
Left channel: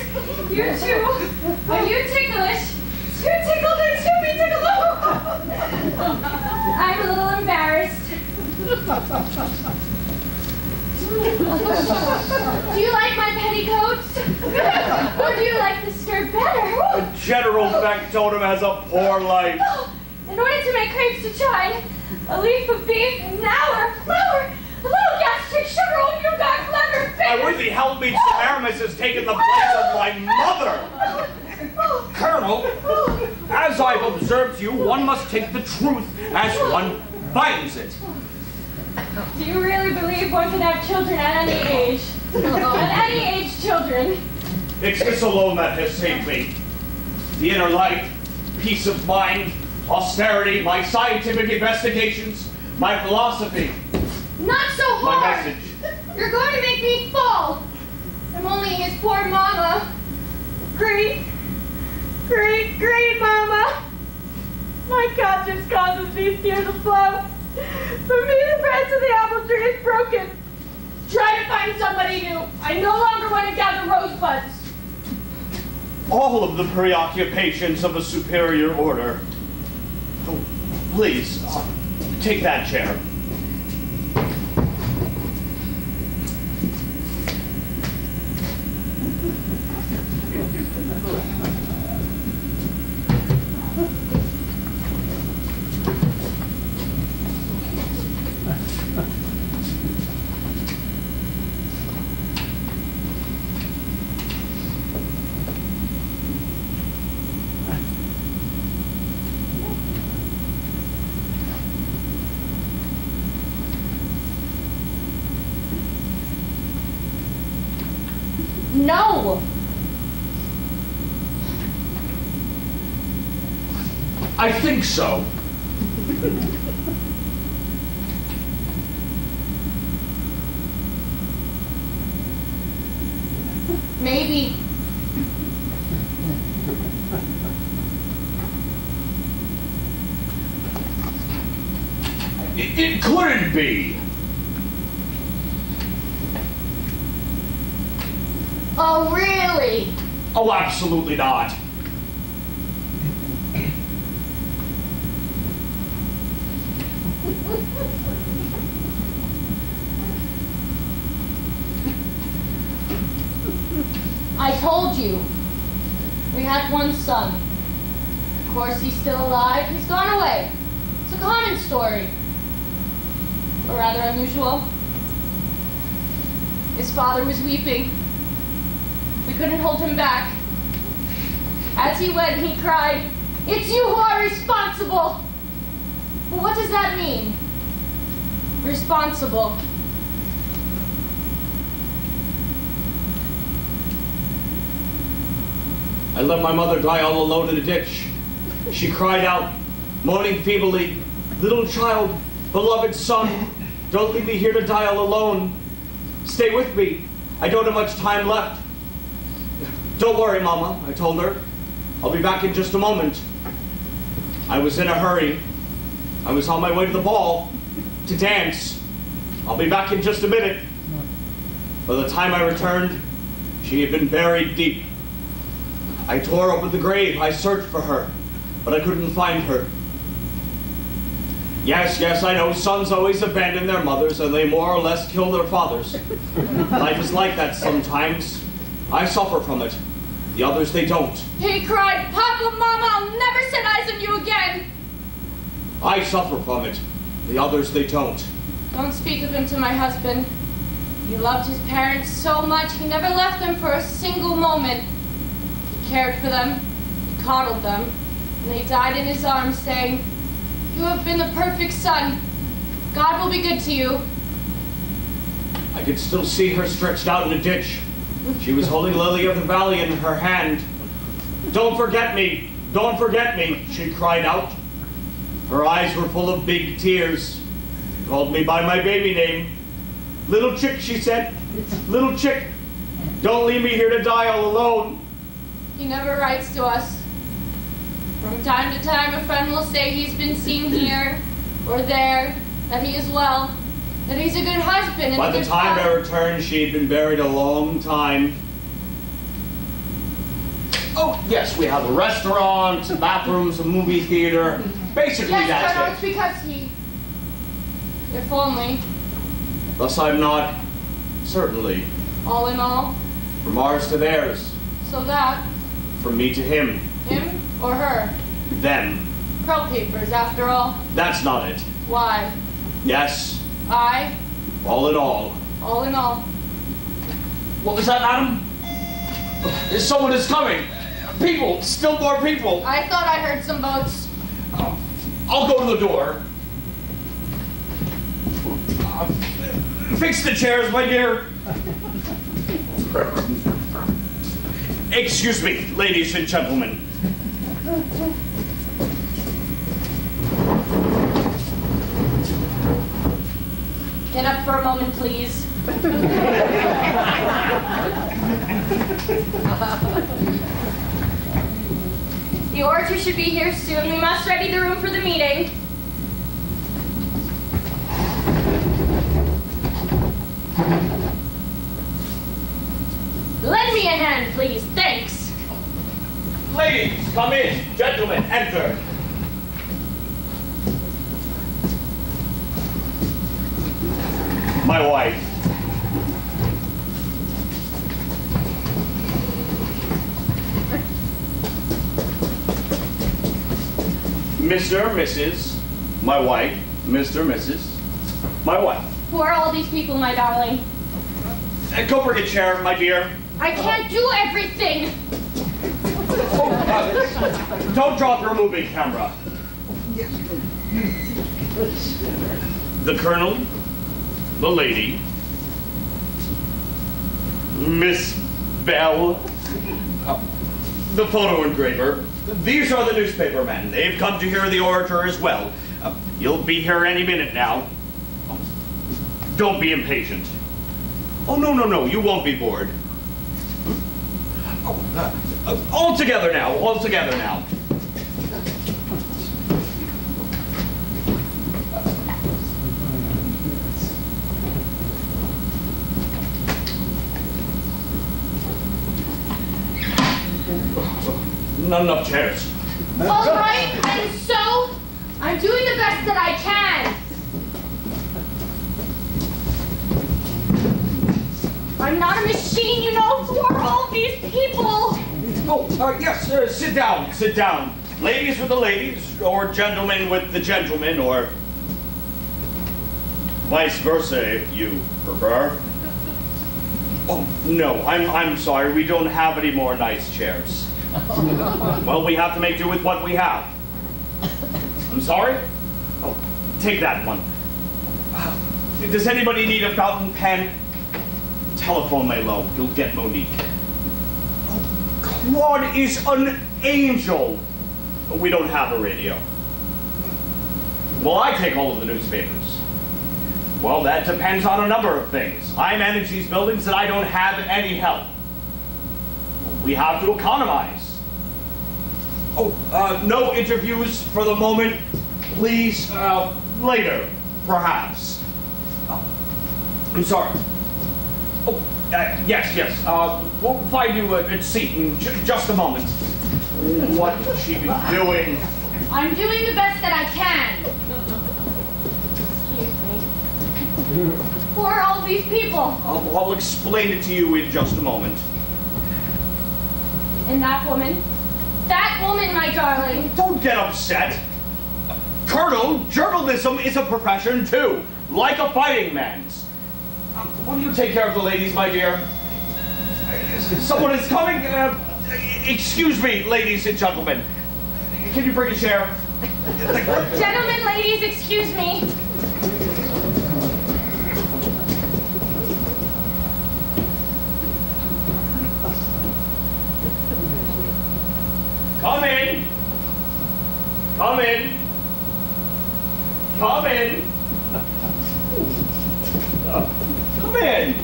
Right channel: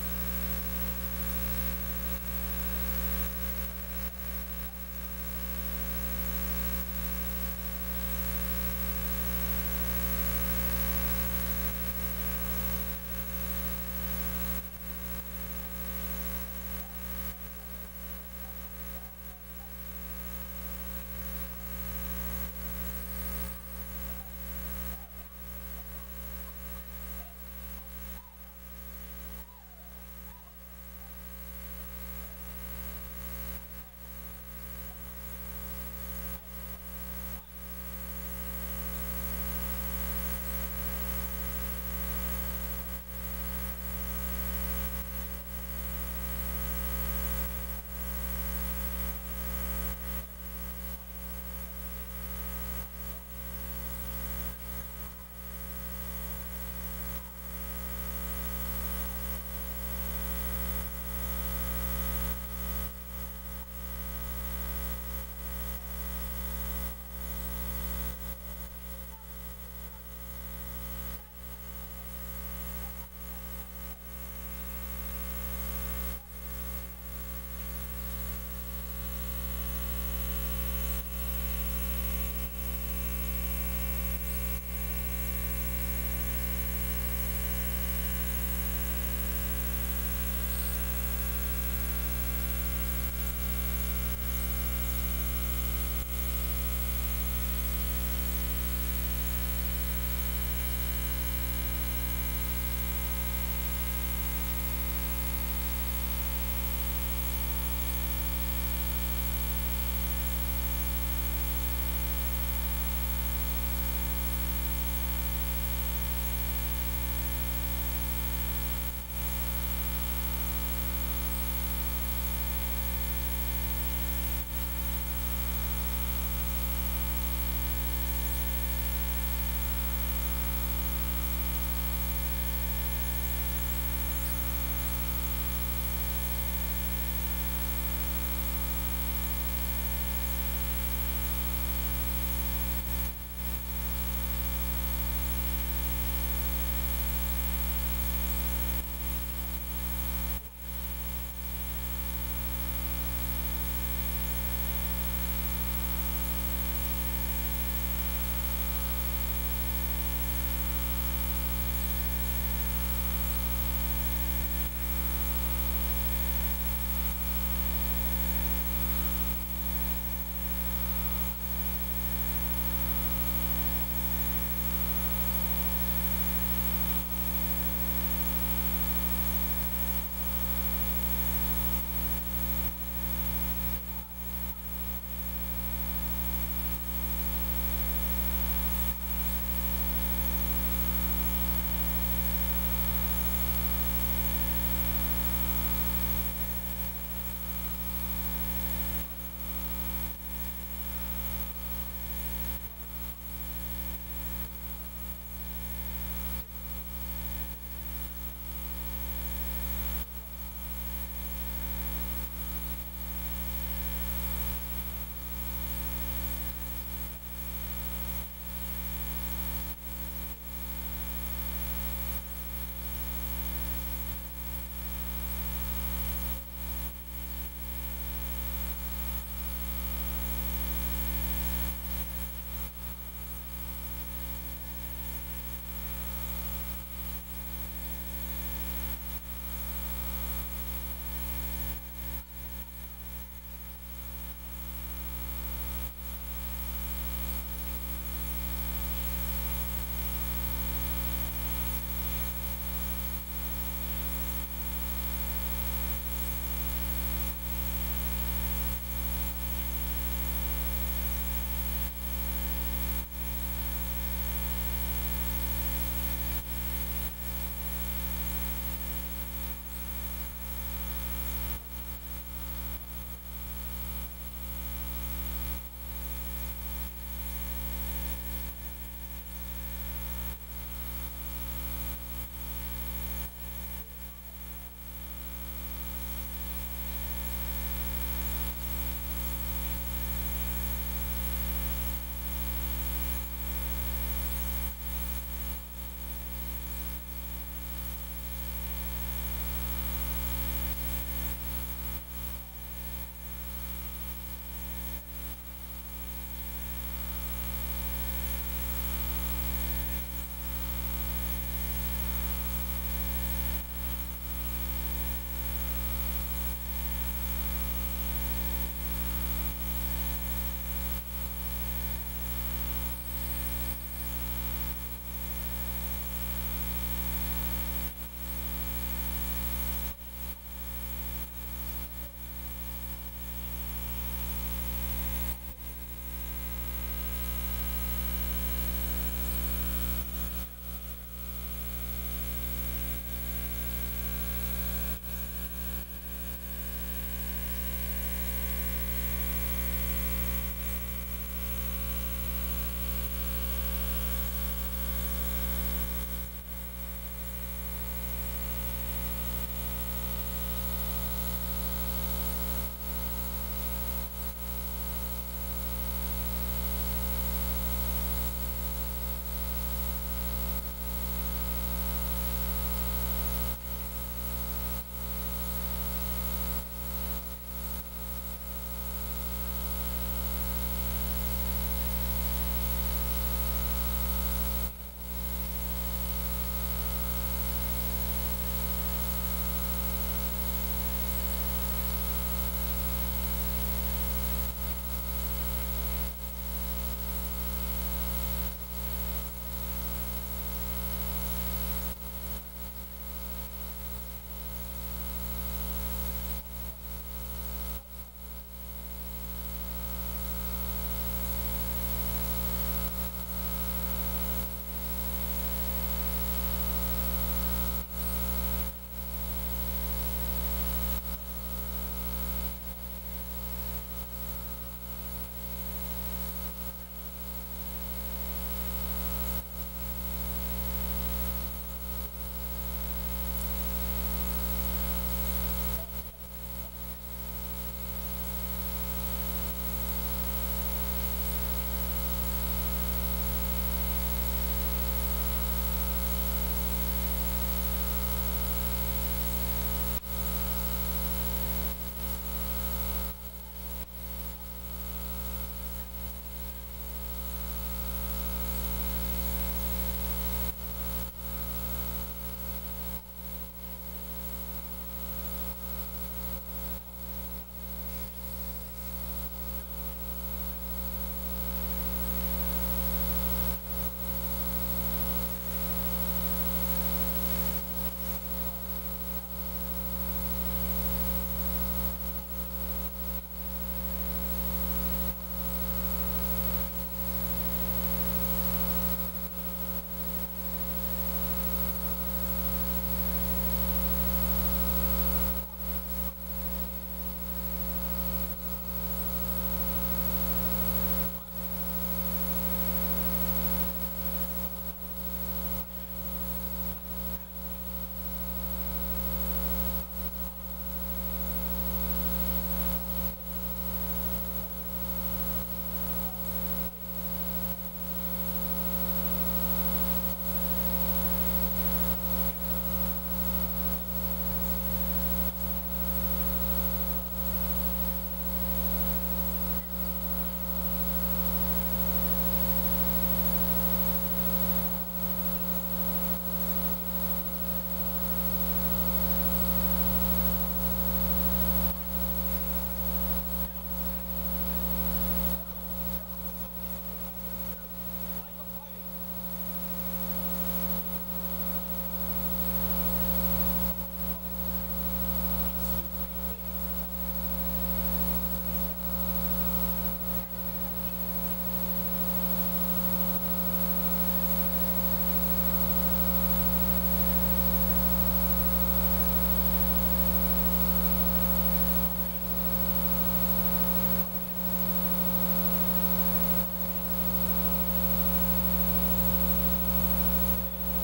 You too. Are you ticklish? You tickle me too, me tickle. I'm a little embarrassed. Do you like my petticoats? Or do you like the skirt better? General Factotum has a poor life. In order to make crepes to chine, a leaf of beef, an hour, flour, a little gastric sugar, oh, you got clever fingers. My worthy helpmate Semiramis has taken the place of my mother. Colonel, as I've observed you, one must take the truth as one finds it. Do you really believe one can have children at any age? At any age, children? It's this alone that has saved me. The inner life, peace of mind, austerity, my scientific investigations, my philosophy. Not so My hard! message. You're going to make me fall! I'm only his poor mama. Great mama! My conscience causes these tears to flow. For me, the branch of the apple tree is broken. Try to find somebody new. I no longer want to gather rosebuds. All of the preoccupations of a superior order. Oh, please, take that chair. No! I think so. Maybe. It couldn't be. Oh, really? Oh, absolutely not. I told you. We had one son. Of course, he's still alive. He's gone away. It's a common story. Or rather unusual. His father was weeping. We couldn't hold him back. As he went, he cried, "It's you who are responsible!" Well, what does that mean? Responsible. I let my mother die all alone in a ditch. She cried out, moaning feebly, "Little child, beloved son, don't leave me here to die all alone. Stay with me. I don't have much time left." "Don't worry, Mama," I told her. "I'll be back in just a moment." I was in a hurry. I was on my way to the ball, to dance. "I'll be back in just a minute." By the time I returned, she had been buried deep. I tore open the grave. I searched for her, but I couldn't find her. Yes, I know sons always abandon their mothers and they more or less kill their fathers. Life is like that sometimes. I suffer from it. The others, they don't. He cried, "Papa, Mama, I'll never set eyes on you again." I suffer from it. The others, they don't. Don't speak of him to my husband. He loved his parents so much, he never left them for a single moment. He cared for them, he coddled them, and they died in his arms saying, "You have been the perfect son. God will be good to you." I could still see her stretched out in a ditch. She was holding Lily of the Valley in her hand. "Don't forget me! Don't forget me!" she cried out. Her eyes were full of big tears. She called me by my baby name. "Little Chick," she said. "Little Chick." Don't leave me here to die all alone. He never writes to us. From time to time, a friend will say he's been seen here or there, that he is well, that he's a good husband and By a the good time I father. returned, she had been buried a long time. Oh, yes, we have a restaurant, some bathrooms, a movie theater. Basically, Yes, that's Colonel, it. it's because he... If only, Thus I'm not, certainly, all in all, from ours to theirs, so that, from me to him, him or her, them. pearl papers, after all. That's not it. Why? Yes, I, all in all. all in all. What was that, madam? Someone is coming. People, still more people. I thought I heard some boats. I'll go to the door. Fix the chairs, my dear. Excuse me, ladies and gentlemen. Get up for a moment, please. The orator should be here soon. We must ready the room for the meeting. Lend me a hand, please. Thanks. Ladies, come in. Gentlemen, enter. My wife. Mr., Mrs., my wife, Mr., Mrs., my wife. Who are all these people, my darling? Go bring a chair, my dear. I can't do everything. Don't drop your moving camera. The Colonel, the lady, Miss Bell, the photo engraver. These are the newspaper men. They've come to hear the orator as well. You'll be here any minute now. Don't be impatient. Oh, no, you won't be bored. All together now, all together now. Not enough chairs. All right, and so I'm doing the best that I can. I'm not a machine, you know. Who are all these people? Oh, yes, sit down, sit down. Ladies with the ladies, or gentlemen with the gentlemen, or vice versa, if you prefer. Oh, no, I'm sorry, we don't have any more nice chairs. Well, we have to make do with what we have. I'm sorry? Oh, take that one. Does anybody need a fountain pen? Telephone my low. You'll get Monique. Claude is an angel. We don't have a radio. Well, I take all of the newspapers. Well, that depends on a number of things. I manage these buildings and I don't have any help. We have to economize. Oh, no interviews for the moment. Please, later, perhaps. I'm sorry. Oh, yes. We'll find you a seat in just a moment. What has she been doing? I'm doing the best that I can. Excuse me. Who are all these people? I'll explain it to you in just a moment. And that woman? That woman, my darling. Don't get upset. Colonel, journalism is a profession too, like a fighting man's. Will you take care of the ladies, my dear? Someone is coming. Excuse me, ladies and gentlemen. Can you bring a chair? Gentlemen, ladies, excuse me. Come in. Come in. Come in. Come in.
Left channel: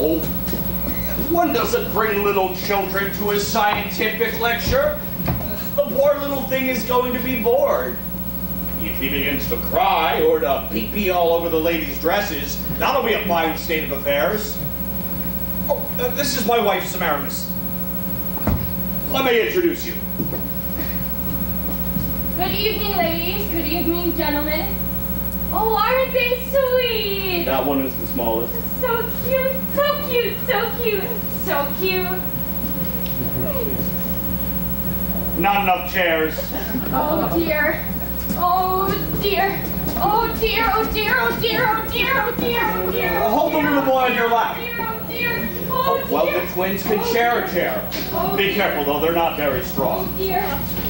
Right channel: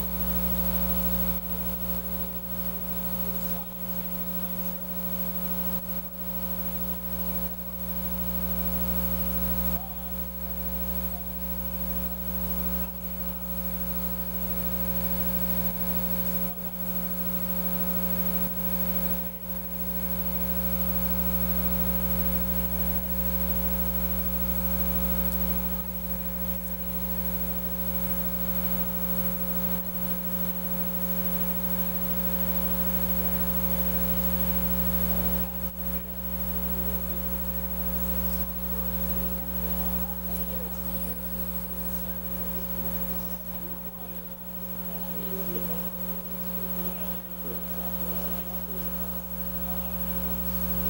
Oh, One doesn't bring little children to a scientific lecture. The poor little thing is going to be bored. If he begins to cry or to pee-pee all over the ladies' dresses, that'll be a fine state of affairs. Oh, this is my wife, Semiramis. Let me introduce you. Good evening, ladies. Good evening, gentlemen. Oh, aren't they sweet? That one is the smallest. So cute, so cute, so cute, so cute. Not enough chairs. Oh dear. Oh dear. Oh dear, oh dear, oh dear, oh dear, oh dear, oh dear. Hold the little boy on your lap. Oh dear, oh dear. Well, the twins can share a chair. Be careful, though, they're not very strong. Oh dear,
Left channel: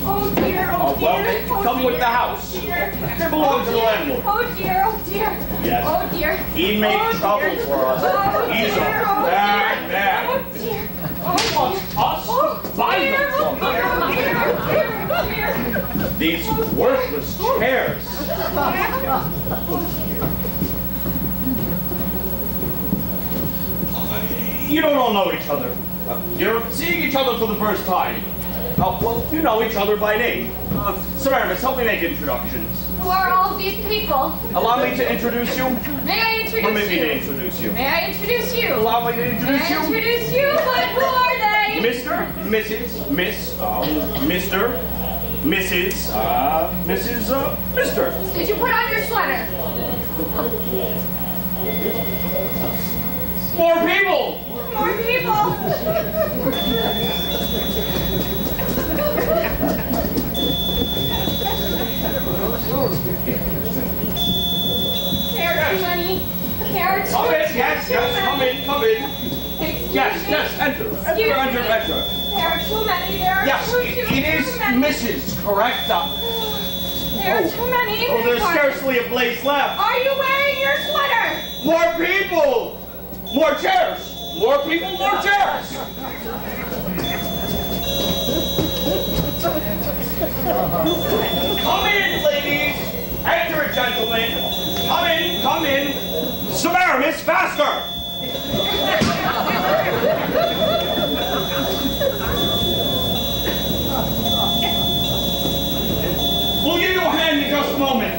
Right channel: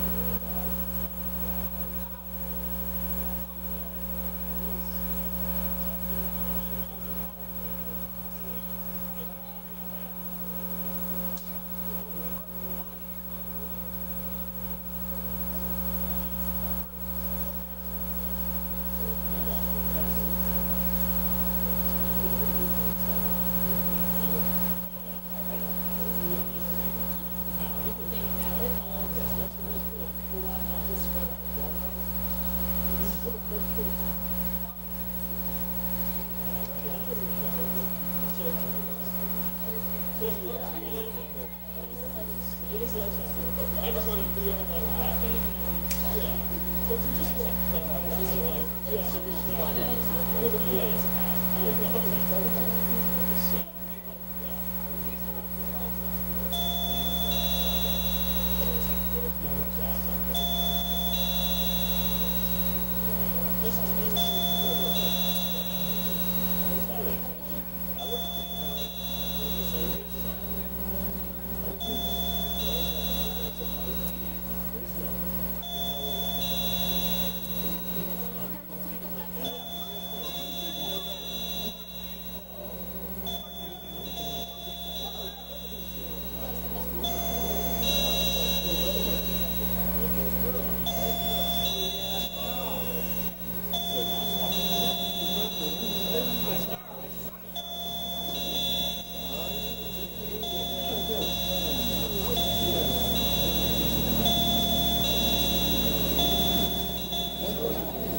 oh dear, oh dear. Well, they come with the house. They belong to the landlord. Oh dear, oh dear. Yes. Oh dear. He made trouble for us. Oh He's dear, a bad man. Oh dear. He wants us to buy them from him. These worthless chairs. You don't all know each other. You're seeing each other for the first time. Well, you know each other by name. Semiramis, help me make introductions. Who are all these people? Allow me to introduce you. May I introduce Permit me to you? introduce you. May I introduce you? Allow me to May introduce I you. introduce you? But who are they? Mr., Mrs., Miss, Mr., Mrs., Mrs., Mr. Did you put on your sweater? More people! More people. There are too many. There are too Come in, many. yes, come in, come in. Excuse Yes, me. yes, enter, Excuse enter. There are too many. There are Yes, too it is many. Mrs., correct? There are too many. Oh, there's scarcely a place left. Are you wearing your sweater? More people! More chairs! More people, more chairs! Come in, ladies! Enter, gentlemen! Come in! Semiramis, faster! We'll give you a hand in just a moment.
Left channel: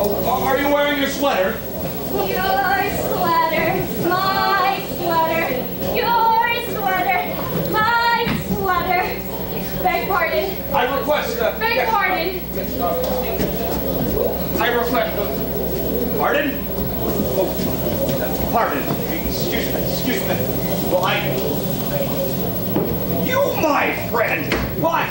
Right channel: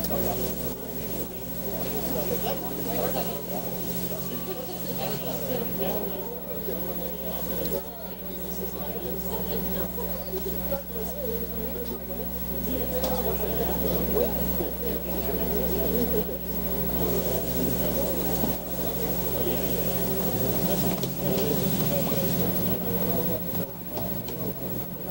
Oh, are you wearing your sweater? Your sweater, my sweater, your sweater, my sweater. Beg pardon. I request Beg pardon. I request pardon? Oh, pardon. Excuse me. Well, you, my friend. Why?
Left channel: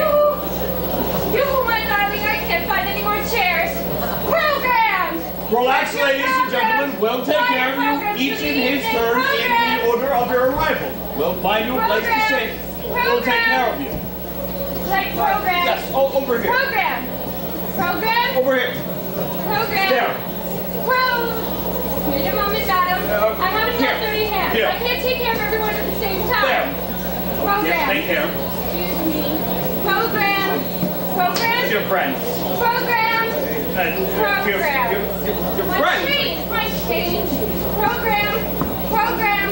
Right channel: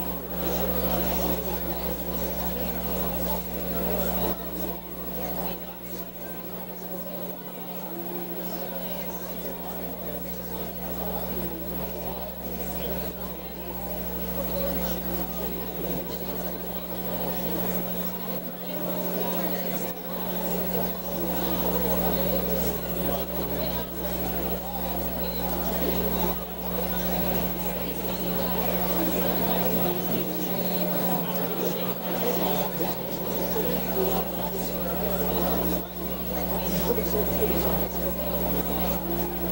You, my darling, I can't find any more chairs. Program! Relax, ladies and gentlemen. We'll take care of you, each in his turn, in the order of your arrival. We'll find you a place to sit. We'll take care of you. Like program. Yes, over here. Program. Program. Over here. Program. There. Wait a moment, madam. I haven't here. got 30 hands. Here. I can't take care of everyone at the same time. There. Program. Yes, take care. Program. Program. It's your friend. Program. Program. Your My friend. street. My street. Program. Program.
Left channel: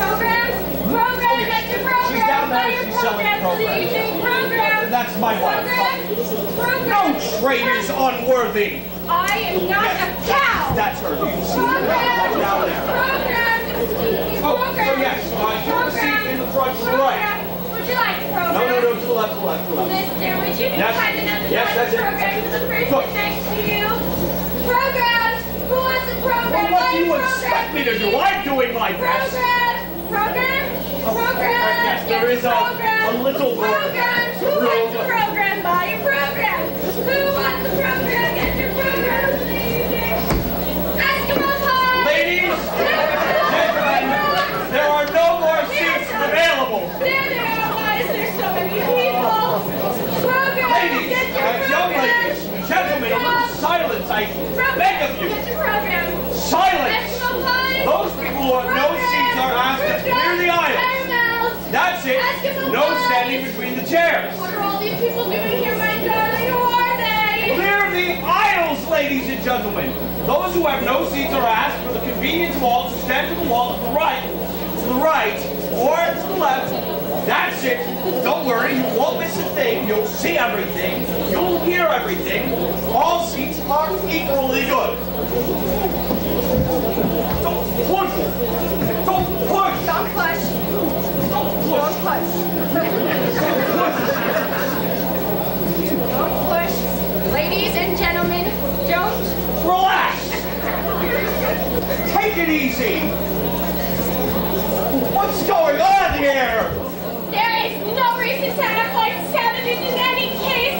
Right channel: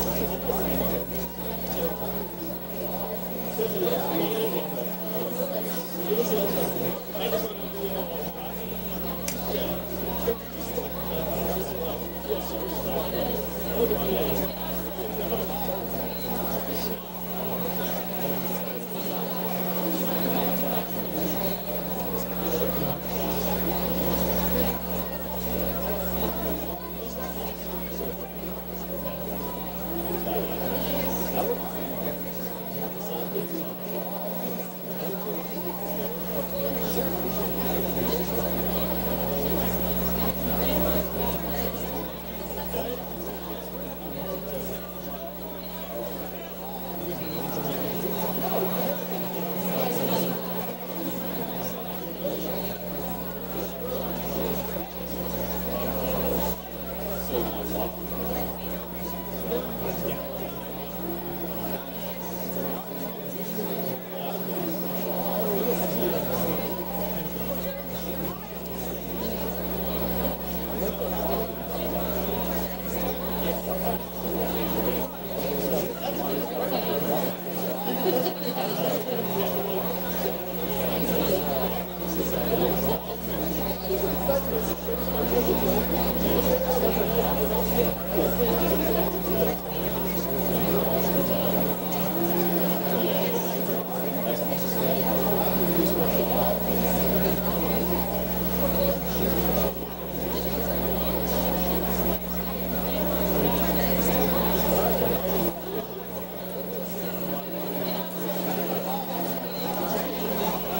Program. Program. Get the program. She's down there. Buy your She's selling program. programs. See, program. That's my wife. Program. No trade is unworthy. I am not a cow. That's her. Program. Down there. Program. Oh, so yes, so I can see in the front to the right. Would you like program? No, to the left, to the left. Mister, would you be Yes. kind enough to Yes, sign that's the it. program to the person Look. next to you? Program. Who wants the program? What do you Buy your expect me to do? program, I'm doing my best. Program. Program. Program. Yes, there is a little Program. gentlemen, those who have no seats are asked for the convenience wall to stand to the wall to the right. To the right, or to the left. That's it. Don't worry, you won't miss a thing. You'll see everything. You'll hear everything. All seats are equally good. Don't push. Don't push. Don't push. Don't push. Don't push. Ladies and gentlemen, don't. Relax. Take it easy. What's going on here? There is no reason to act like savages in any case.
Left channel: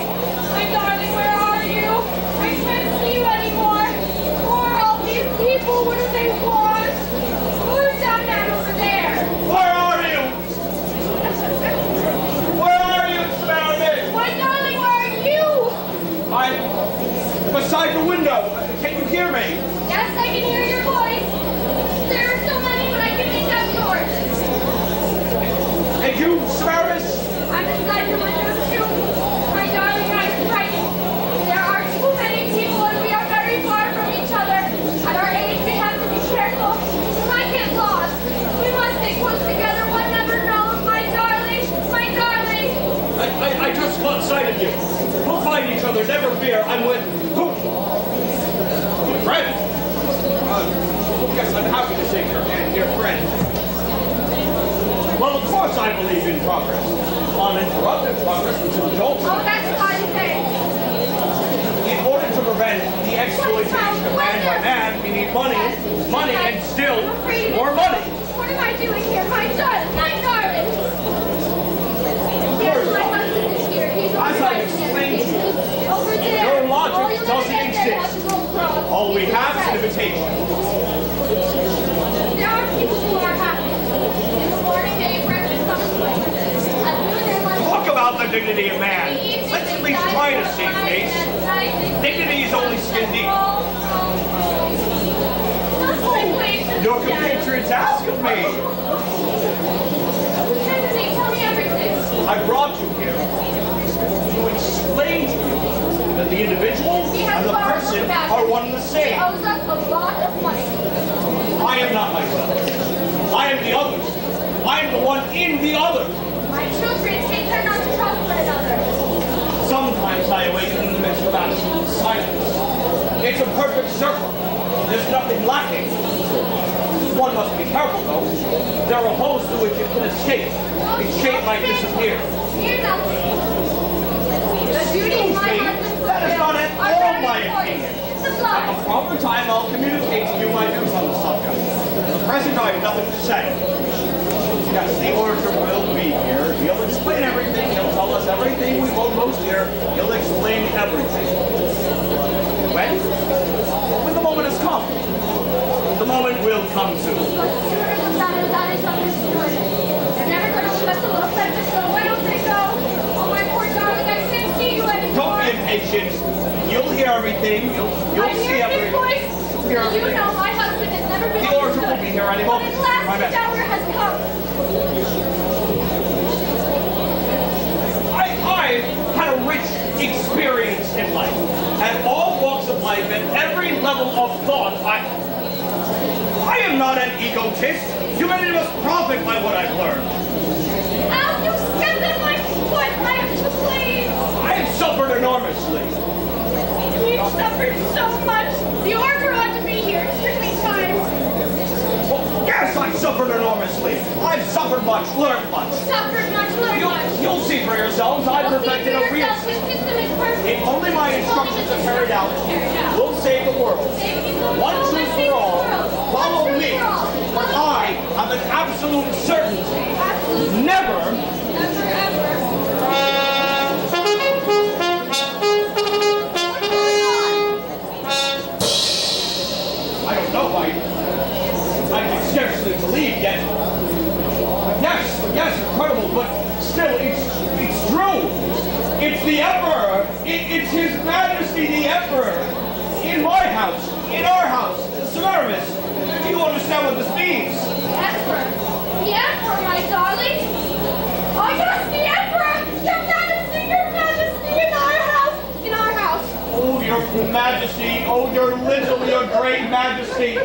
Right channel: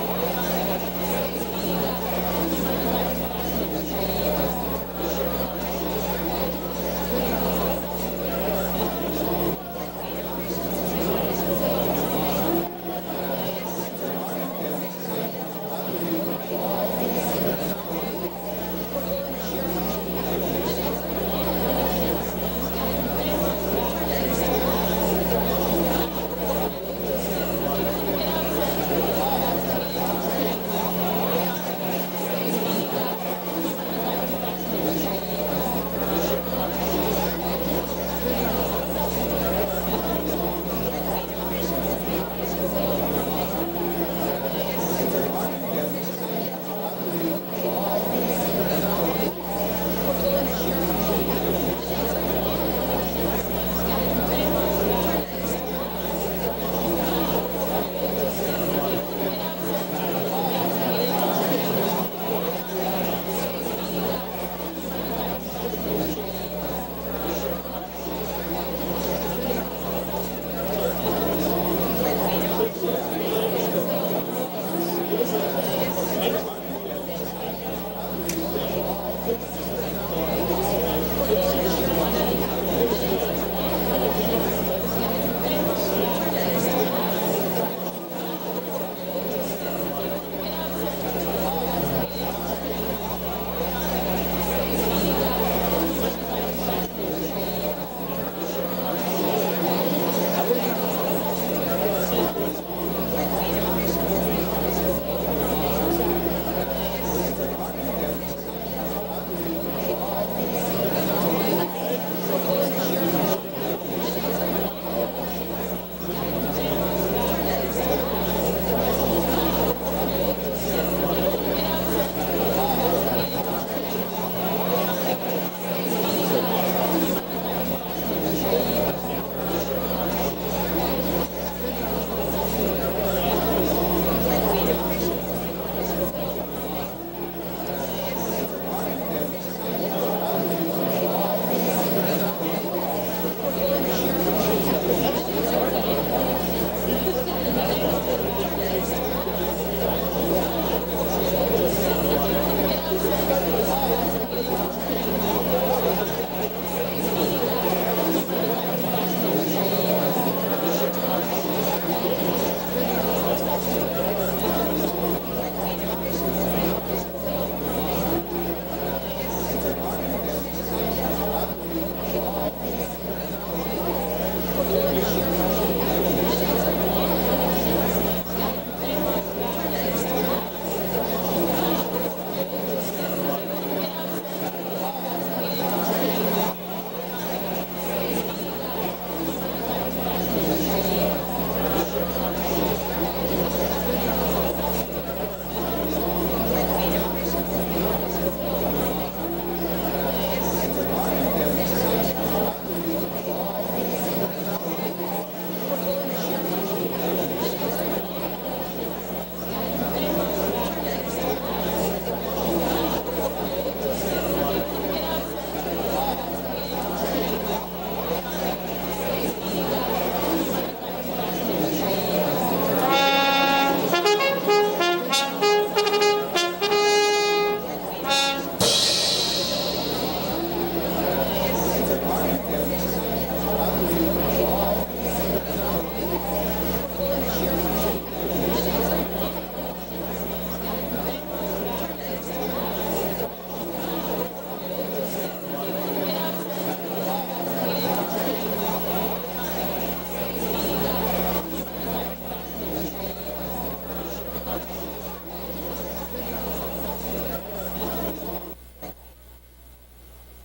Your Majesty, oh, your literally a great Majesty.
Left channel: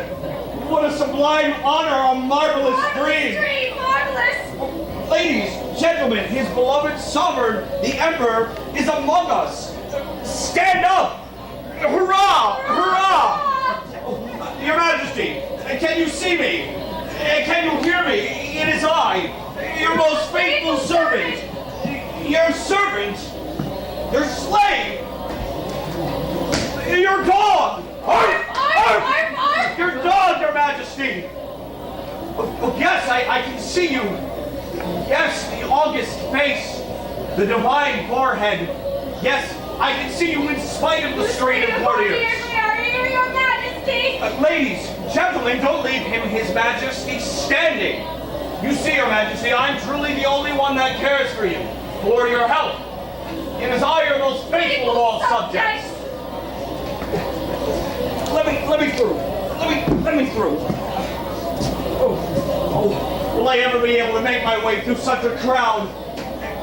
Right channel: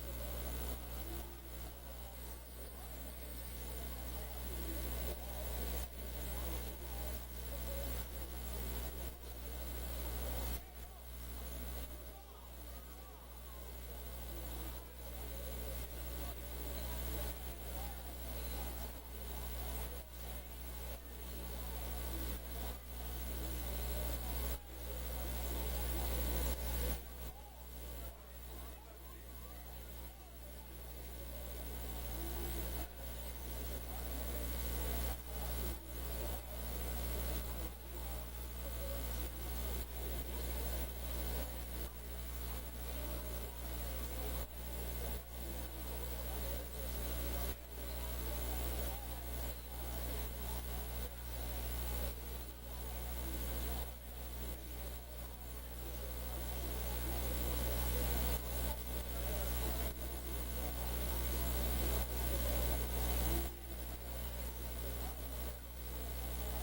What a sublime honor, a marvelous dream. Marvelous. Ladies, gentlemen, his beloved sovereign, the Emperor, is among us. Stand up! Hurrah! Hurrah! Your Majesty, can you see me? Can you hear me? It is I, your most faithful servant. Your servant? Your slave? Your dog! Arf! Arf! Your dog, Your Majesty! Oh, yes, I can see you. Yes, the august face, the divine forehead. Yes, I can see you in spite of the strain of warriors. Your Majesty! Ladies, gentlemen, don't leave him, His Majesty, standing. You see, Your Majesty, I'm truly the only one that cares for you, for your help. It is I, your most faithful of all subjects. Let me through. Let me through. Oh, will I ever be able to make my way through such a crowd?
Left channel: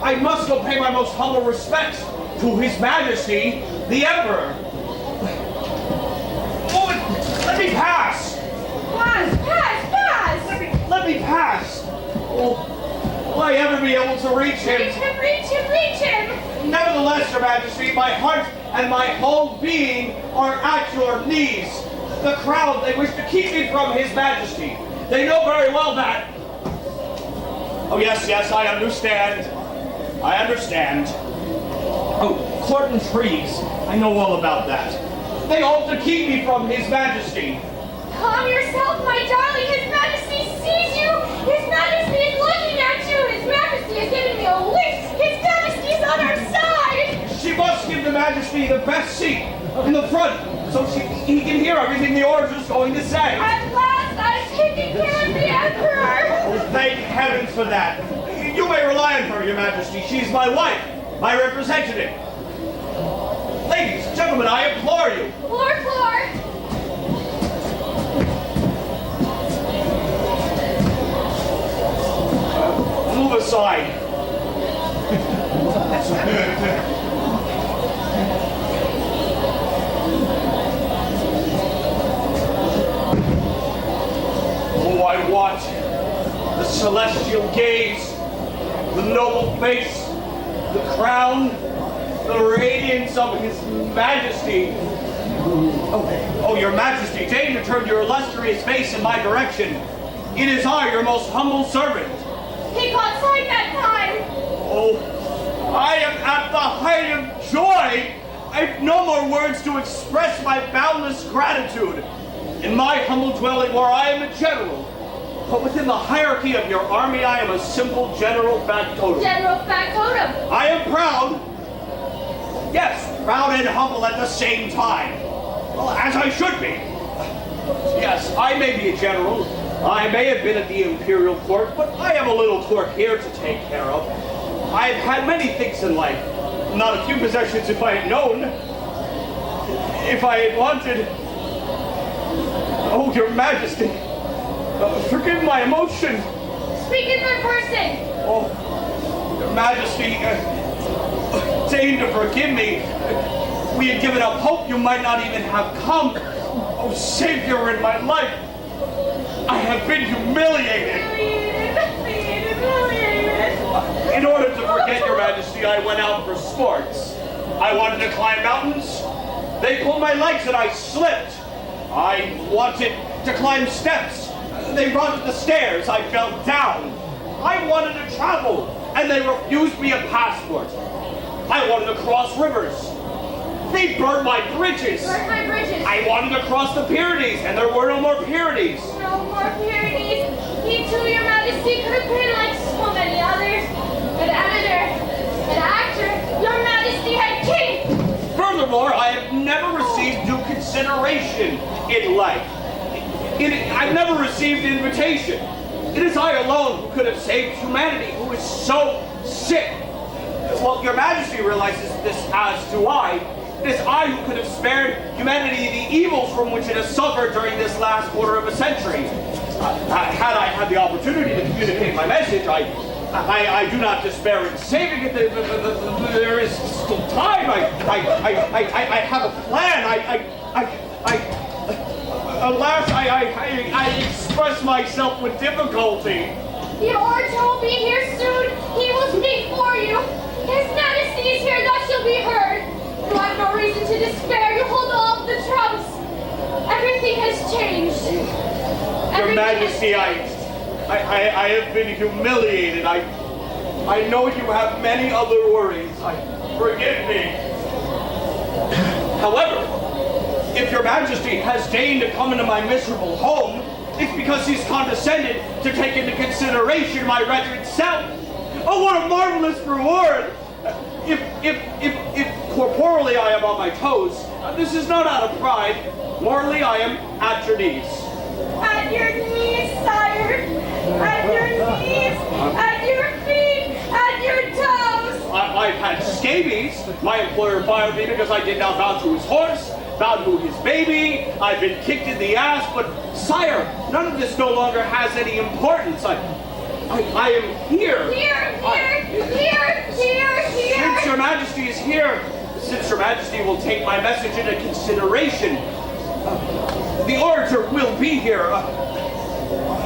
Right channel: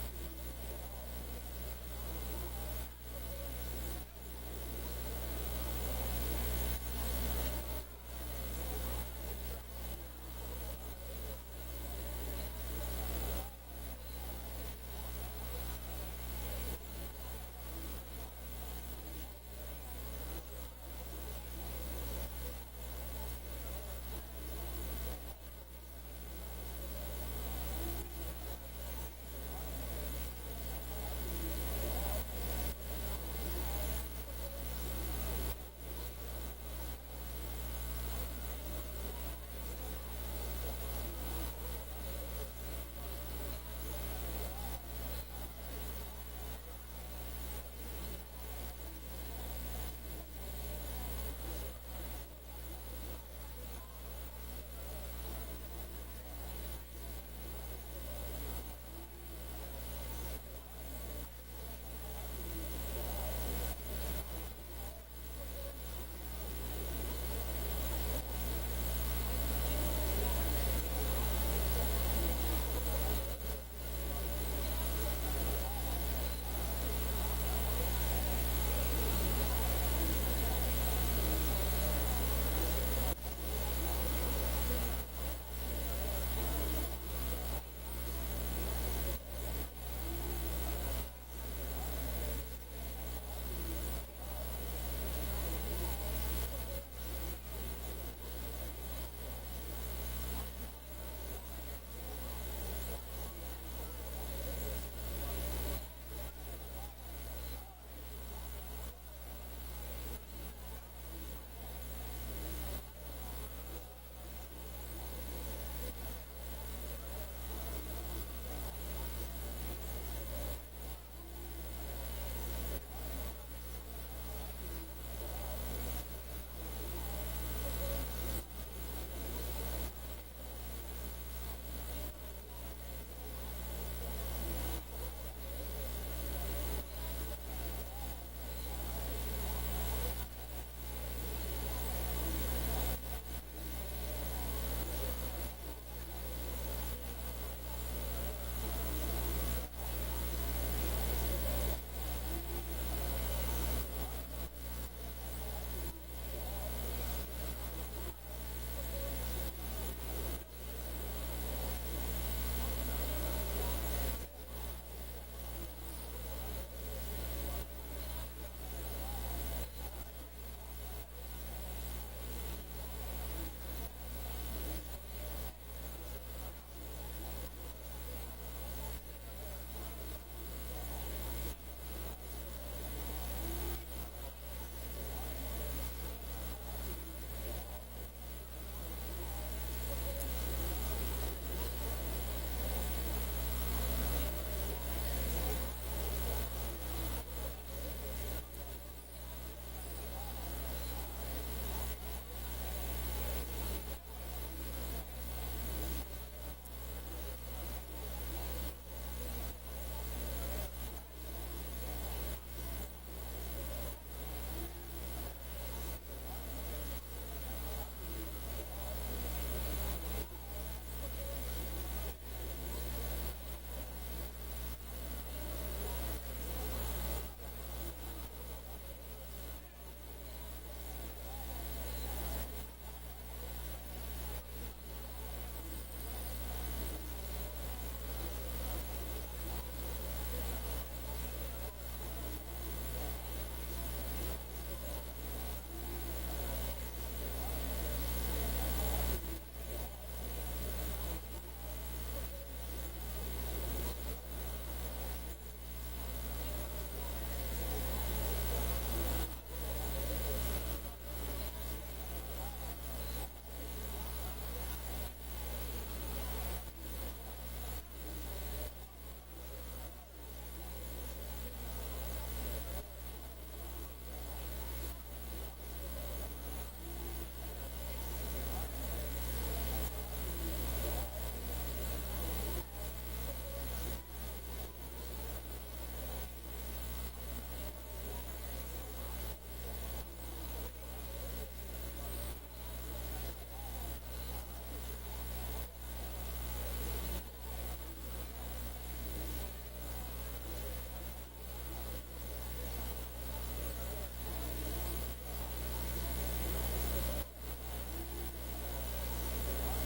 I must go pay my most humble respects to His Majesty, the Emperor. Oh, let me pass. Pass. Let me pass. Oh, will I ever be able to reach him? Reach him. Nevertheless, Your Majesty, my heart and my whole being are at your knees. The crowd, they wish to keep me from His Majesty. They know very well that. Oh, yes, I understand. I understand. Oh, court intrigues. I know all about that. They hope to keep me from His Majesty. Calm yourself, my darling. His Majesty sees you. His Majesty is looking at you. His Majesty is giving me a wink. His Majesty is on our side. She must give the Majesty the best seat in the front so he can hear everything the orator is going to say. At last, I've taken care of the Emperor. Oh, thank heavens for that. You may rely on her, Your Majesty. She's my wife, my representative. Ladies, gentlemen, I implore you. Floor. Move aside. Oh, I watch the celestial gaze, the noble face, the crown, the radiance of His Majesty. Oh, Your Majesty, deign to turn your illustrious face in my direction. It is I, your most humble servant. He caught sight that time. Oh, I am at the height of joy. I've no more words to express my boundless gratitude. In my humble dwelling where I am a general, but within the hierarchy of your army, I am a simple general factotum. General Factotum. I am proud. Yes, proud and humble at the same time. Well, as I should be. Yes, I may be a general. I may have been at the imperial court, but I have a little court here to take care of. I have had many things in life. Not a few possessions if I had known. If I had wanted. Oh, Your Majesty. Forgive my emotion. Speak in third person. Oh, Your Majesty, deign to forgive me. We had given up hope you might not even have come. Oh, Savior in my life. I have been humiliated. In order to forget, Your Majesty, I went out for sports. I wanted to climb mountains. They pulled my legs and I slipped. I wanted to climb steps. They run the stairs. I fell down. I wanted to travel, and they refused me a passport. I wanted to cross rivers. They burned my bridges. I wanted to cross the Pyrenees, and there were no more Pyrenees. No more Pyrenees. He too, Your Majesty, could have been like so many others. An editor, an actor, Your Majesty had king. Furthermore, I have never received due consideration in life. I've never received invitation. It is I alone who could have saved humanity, who is so sick. Well, Your Majesty realizes this, as do I. It is I who could have spared humanity the evils from which it has suffered during this last quarter of a century. Had I had the opportunity to communicate my message, I do not despair in saving it. There is still time. I have a plan. Alas, I express myself with difficulty. The orator will be here soon. He will speak for you. His Majesty is here, thus you'll be heard. You have no reason to despair. You hold all of the trumps. Everything has changed. Your Majesty, I have been humiliated. I know you have many other worries. Forgive me. However, if your Majesty has deigned to come into my miserable home, it's because he's condescended to take into consideration my wretched self. Oh, what a marvelous reward! If corporally I am on my toes, this is not out of pride. Morally, I am at your knees. At your knees, sire. At your knees. At your feet. At your toes. I've had scabies. My employer fired me because I did not bow to his horse, bow to his baby. I've been kicked in the ass, but sire, none of this no longer has any importance. I am here. Here. Since your Majesty is here, since your Majesty will take my message into consideration, the orator will be here.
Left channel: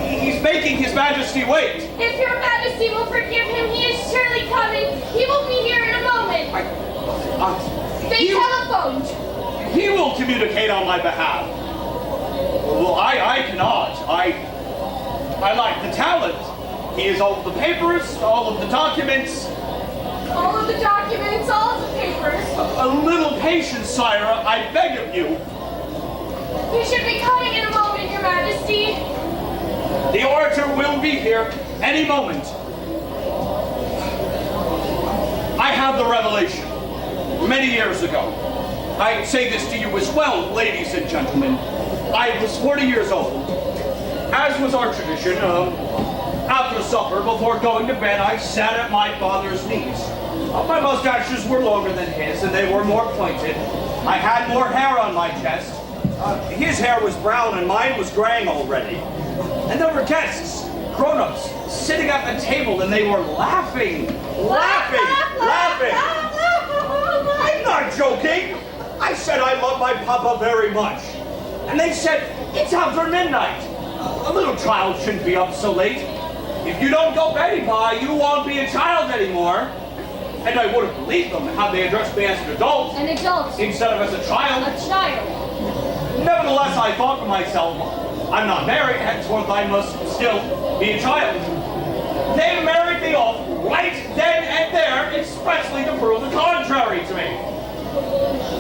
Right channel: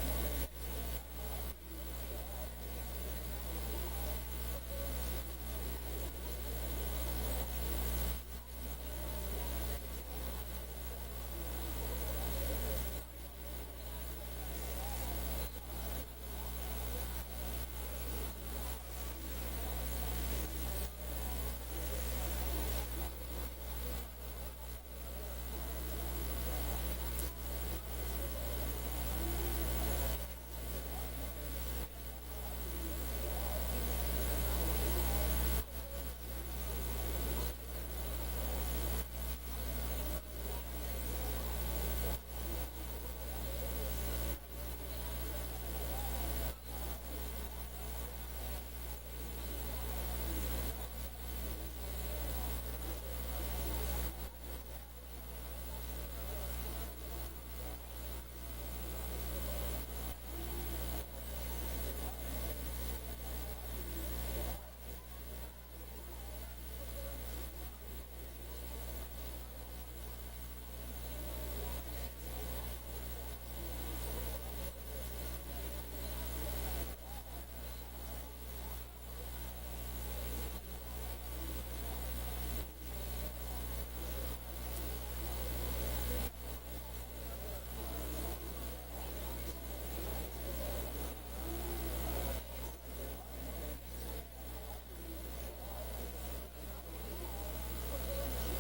He's making his Majesty wait. If your Majesty will forgive him, he is surely coming. He will be here in a moment. They telephoned. He will communicate on my behalf. Well, I cannot. I lack the talent. He has all of the papers, all of the documents. All of the documents, all of the papers. A little patience, sire, I beg of you. He should be coming in a moment, your Majesty. The orator will be here any moment. I have the revelation. Many years ago. I say this to you as well, ladies and gentlemen. I was 40 years old. As was our tradition, after supper, before going to bed, I sat at my father's knees. My mustaches were longer than his, and they were more pointed. I had more hair on my chest. His hair was brown, and mine was graying already. And there were guests, grown-ups, sitting at the table, and they were laughing. I'm not joking. I said I love my papa very much. And they said, it's after midnight. A little child shouldn't be up so late. If you don't go Betty Pie, you won't be a child anymore. And I would have believed them had they addressed me as an adult. An adult. Instead of as a child. A child. Nevertheless, I thought to myself, I'm not married, henceforth I must still be a child. They married me off right then and there, expressly to prove the contrary to me.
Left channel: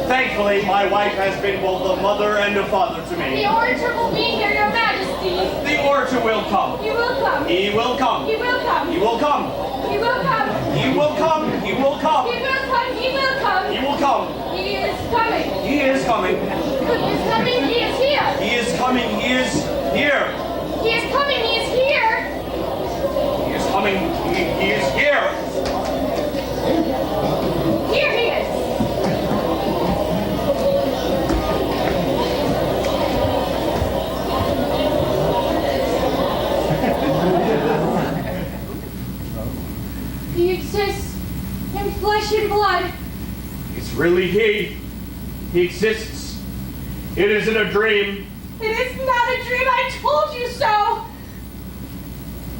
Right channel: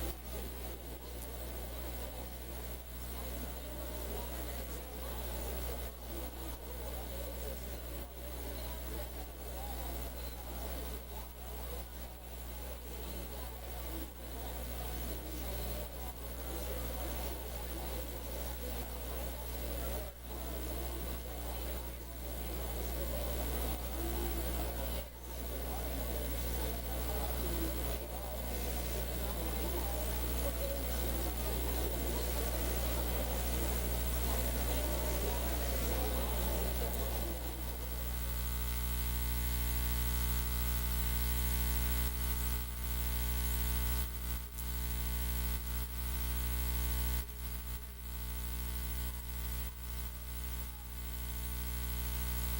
Thankfully, my wife has been both a mother and a father to me. The orator will be here, your Majesty. The orator will come. He will come. He will come. He will come. He will come. He will come. He will come. He will come. He will come. He will come. He will come. He is coming. He is coming. He is coming. He is here. He is coming. He is here. He is coming. He is here. He is coming. He is here. Here he is. He exists in flesh and blood. It's really he. He exists. It isn't a dream. It is not a dream. I told you so.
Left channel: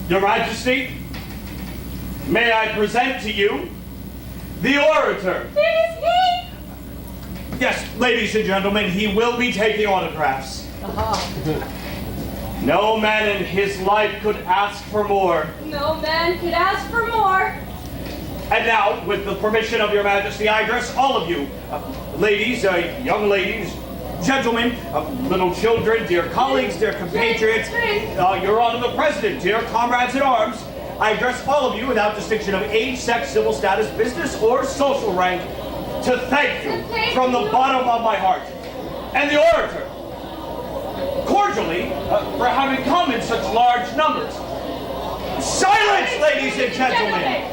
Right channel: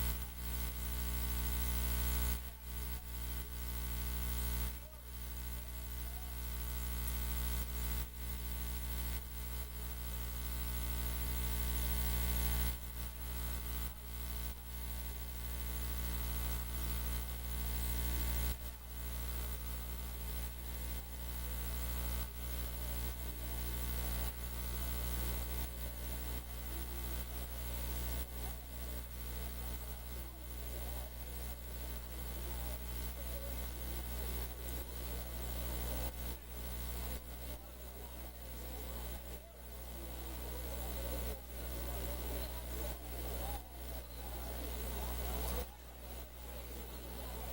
Your Majesty, may I present to you the orator. It is he. Yes, ladies and gentlemen, he will be taking autographs. No man in his life could ask for more. No man could ask for more. And now, with the permission of your Majesty, I address all of you. Ladies, young ladies, gentlemen, little children, dear colleagues, dear compatriots, Your Honor the President, dear comrades in arms, I address all of you without distinction of age, sex, civil status, business, or social rank to thank you from the bottom of my heart. And the orator, cordially, for having come in such large numbers. Silence, ladies and gentlemen!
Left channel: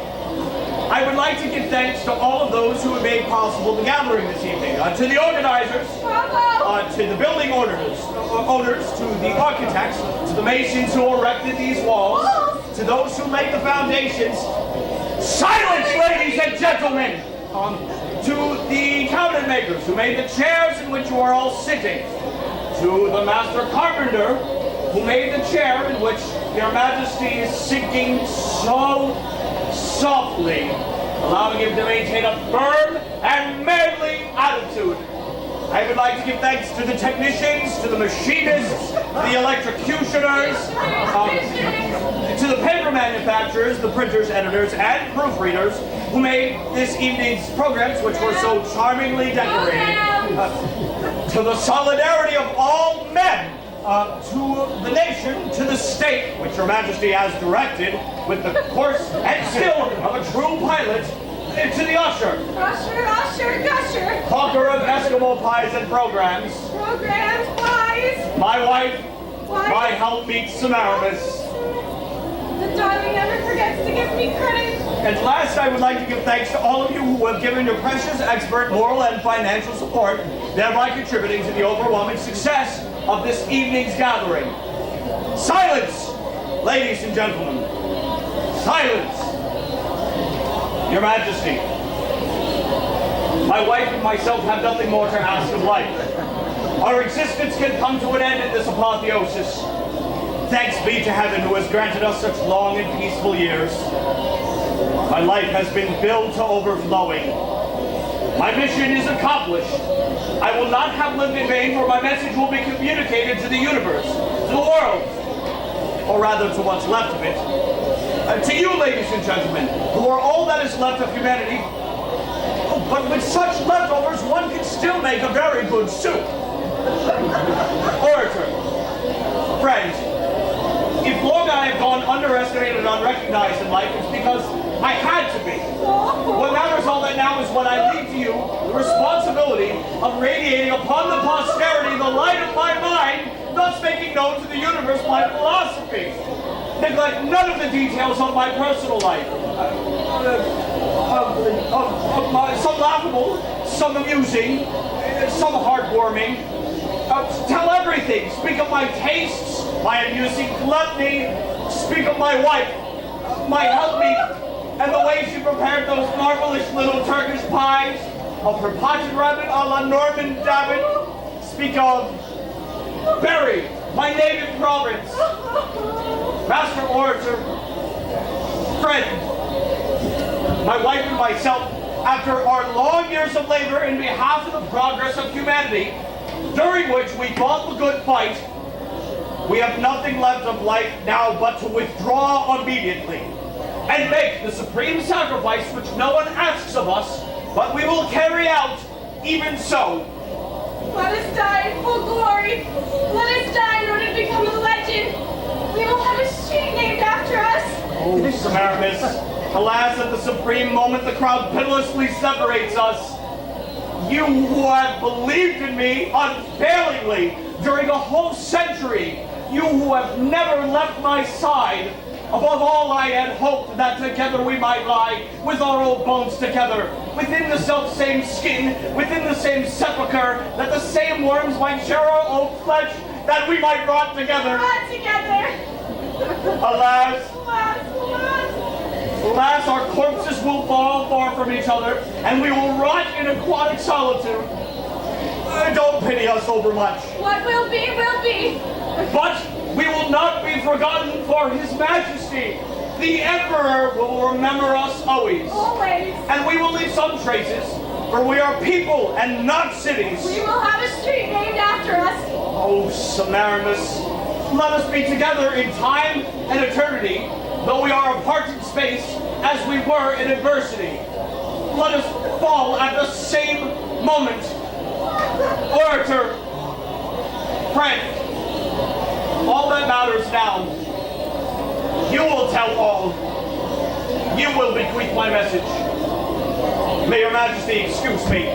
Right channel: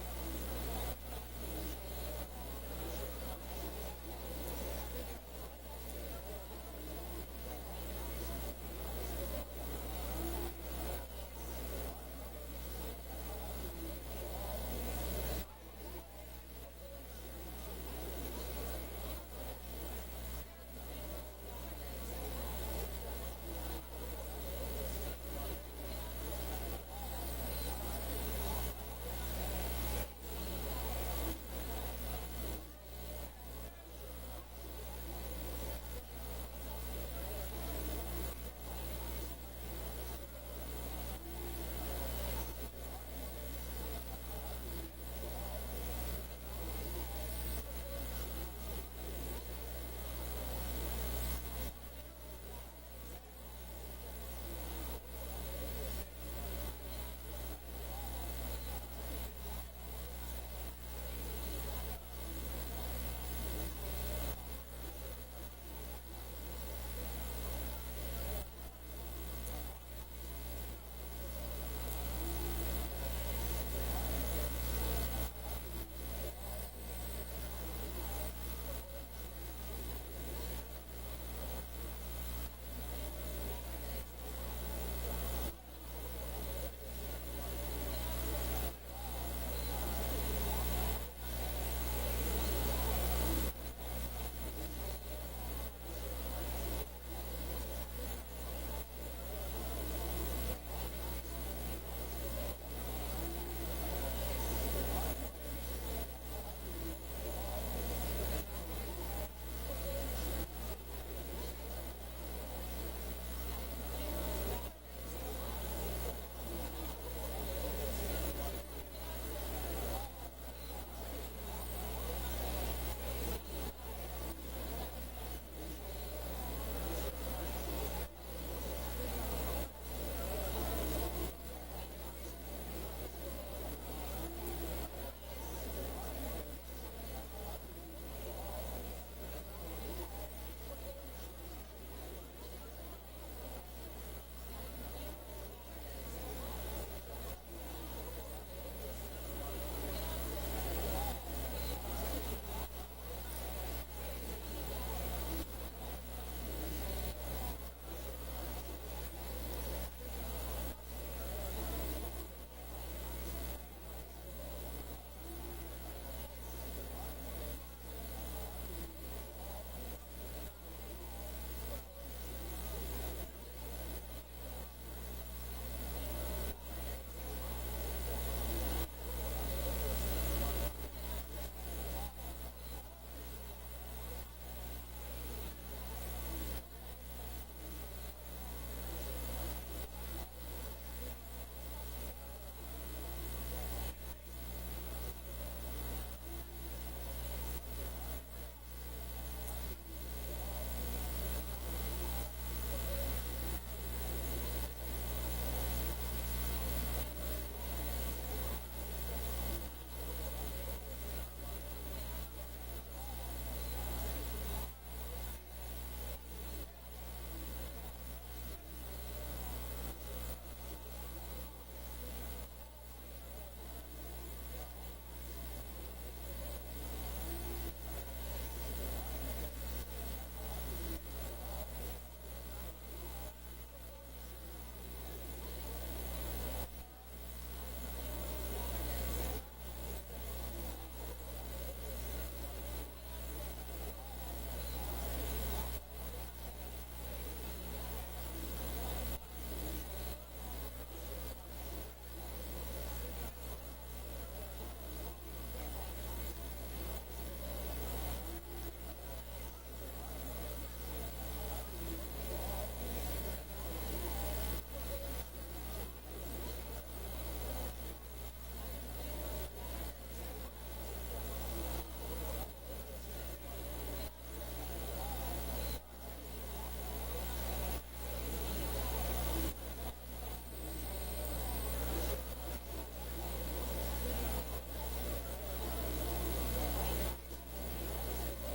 I would like to give thanks to all of those who have made possible the gathering this evening. To the organizers, to the building owners, to the architects, to the masons who erected these walls, to those who laid the foundations. Silence, ladies and gentlemen! to the cabinet makers who made the chairs in which you are all sitting, to the master carpenter who made the chair in which your majesty is sinking so softly, allowing him to maintain a firm and manly attitude. I would like to give thanks to the technicians, to the machinists, the electrocutioners, to the paper manufacturers, the printers, editors, and proofreaders who made this evening's programs, which were so charmingly decorated. To the solidarity of all men, to the nation, to the state, which your majesty has directed with the force and skill of a true pilot, to the usher. Usher, gusher. Hawker of Eskimo pies and programs. Programs, pies. My wife, Wife. my helpmeet Samaramis. The darling never forgets to give me credit. And last, I would like to give thanks to all of you who have given your precious, expert, moral, and financial support, thereby contributing to the overwhelming success of this evening's gathering. Silence, ladies and gentlemen. Silence. Your Majesty, my wife and myself have nothing more to ask of life. Our existence can come to an end at this apotheosis. Thanks be to heaven who has granted us such long and peaceful years. My life has been filled to overflowing. My mission is accomplished. I will not have lived in vain, for my message will be communicated to the universe, to the world, or rather to what's left of it. To you, ladies and gentlemen, who are all that is left of humanity, but with such leftovers, one can still make a very good soup. Orator, friend, if long I have gone underestimated and unrecognized in life, it's because I had to be. What matters all that now is what I leave to you, the responsibility of radiating upon the posterity the light of my mind, thus making known to the universe my philosophy. Neglect none of the details of my personal life. Some laughable, some amusing, some heartwarming. Tell everything. Speak of my tastes, my amusing gluttony. Speak of my wife, my helpmeet, and the way she prepared those marvelous little Turkish pies, of her potted rabbit a la Norman Dabbit. Speak of Bergen, my native province. Master orator, friend, my wife and myself, after our long years of labor in behalf of the progress of humanity, during which we fought the good fight, we have nothing left of life now but to withdraw immediately and make the supreme sacrifice which no one asks of us, but we will carry out even so. Let us die in full glory. Let us die in order to become a legend. We will have a street named after us. Oh, Samaramis, alas, at the supreme moment the crowd pitilessly separates us. You who have believed in me unfailingly during a whole century, you who have never left my side, above all I had hoped that together we might lie, with our old bones together, within the self-same skin, within the same sepulchre, that the same worms might share our old flesh, that we might rot together. Rot together. Alas, Alas, alas. alas, our corpses will fall far from each other, and we will rot in aquatic solitude. Don't pity us overmuch. What will be, will be. But we will not be forgotten, for His Majesty, the Emperor, will remember us always. Always. And we will leave some traces, for we are people and not cities. We will have a street named after us. Oh, Samaramis, let us be together in time and eternity, though we are apart in space, as we were in adversity. Let us fall at the same moment. Orator, friend, all that matters now, you will tell all. You will bequeath my message. May your Majesty excuse me.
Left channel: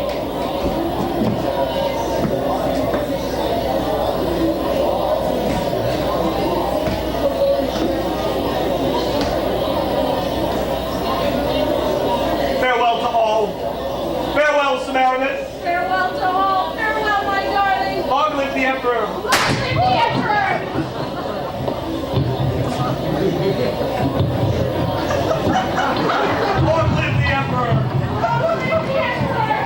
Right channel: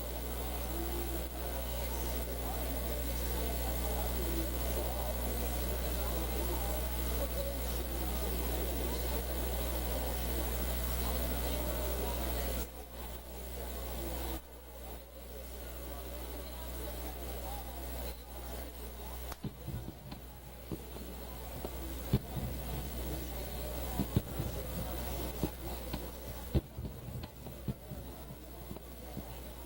Farewell to all. Farewell, Samaramis. Farewell to all. Farewell, my darling. Long live the Emperor. Long live the Emperor. Long live the Emperor. Long live the Emperor.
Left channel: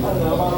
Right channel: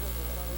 Allora,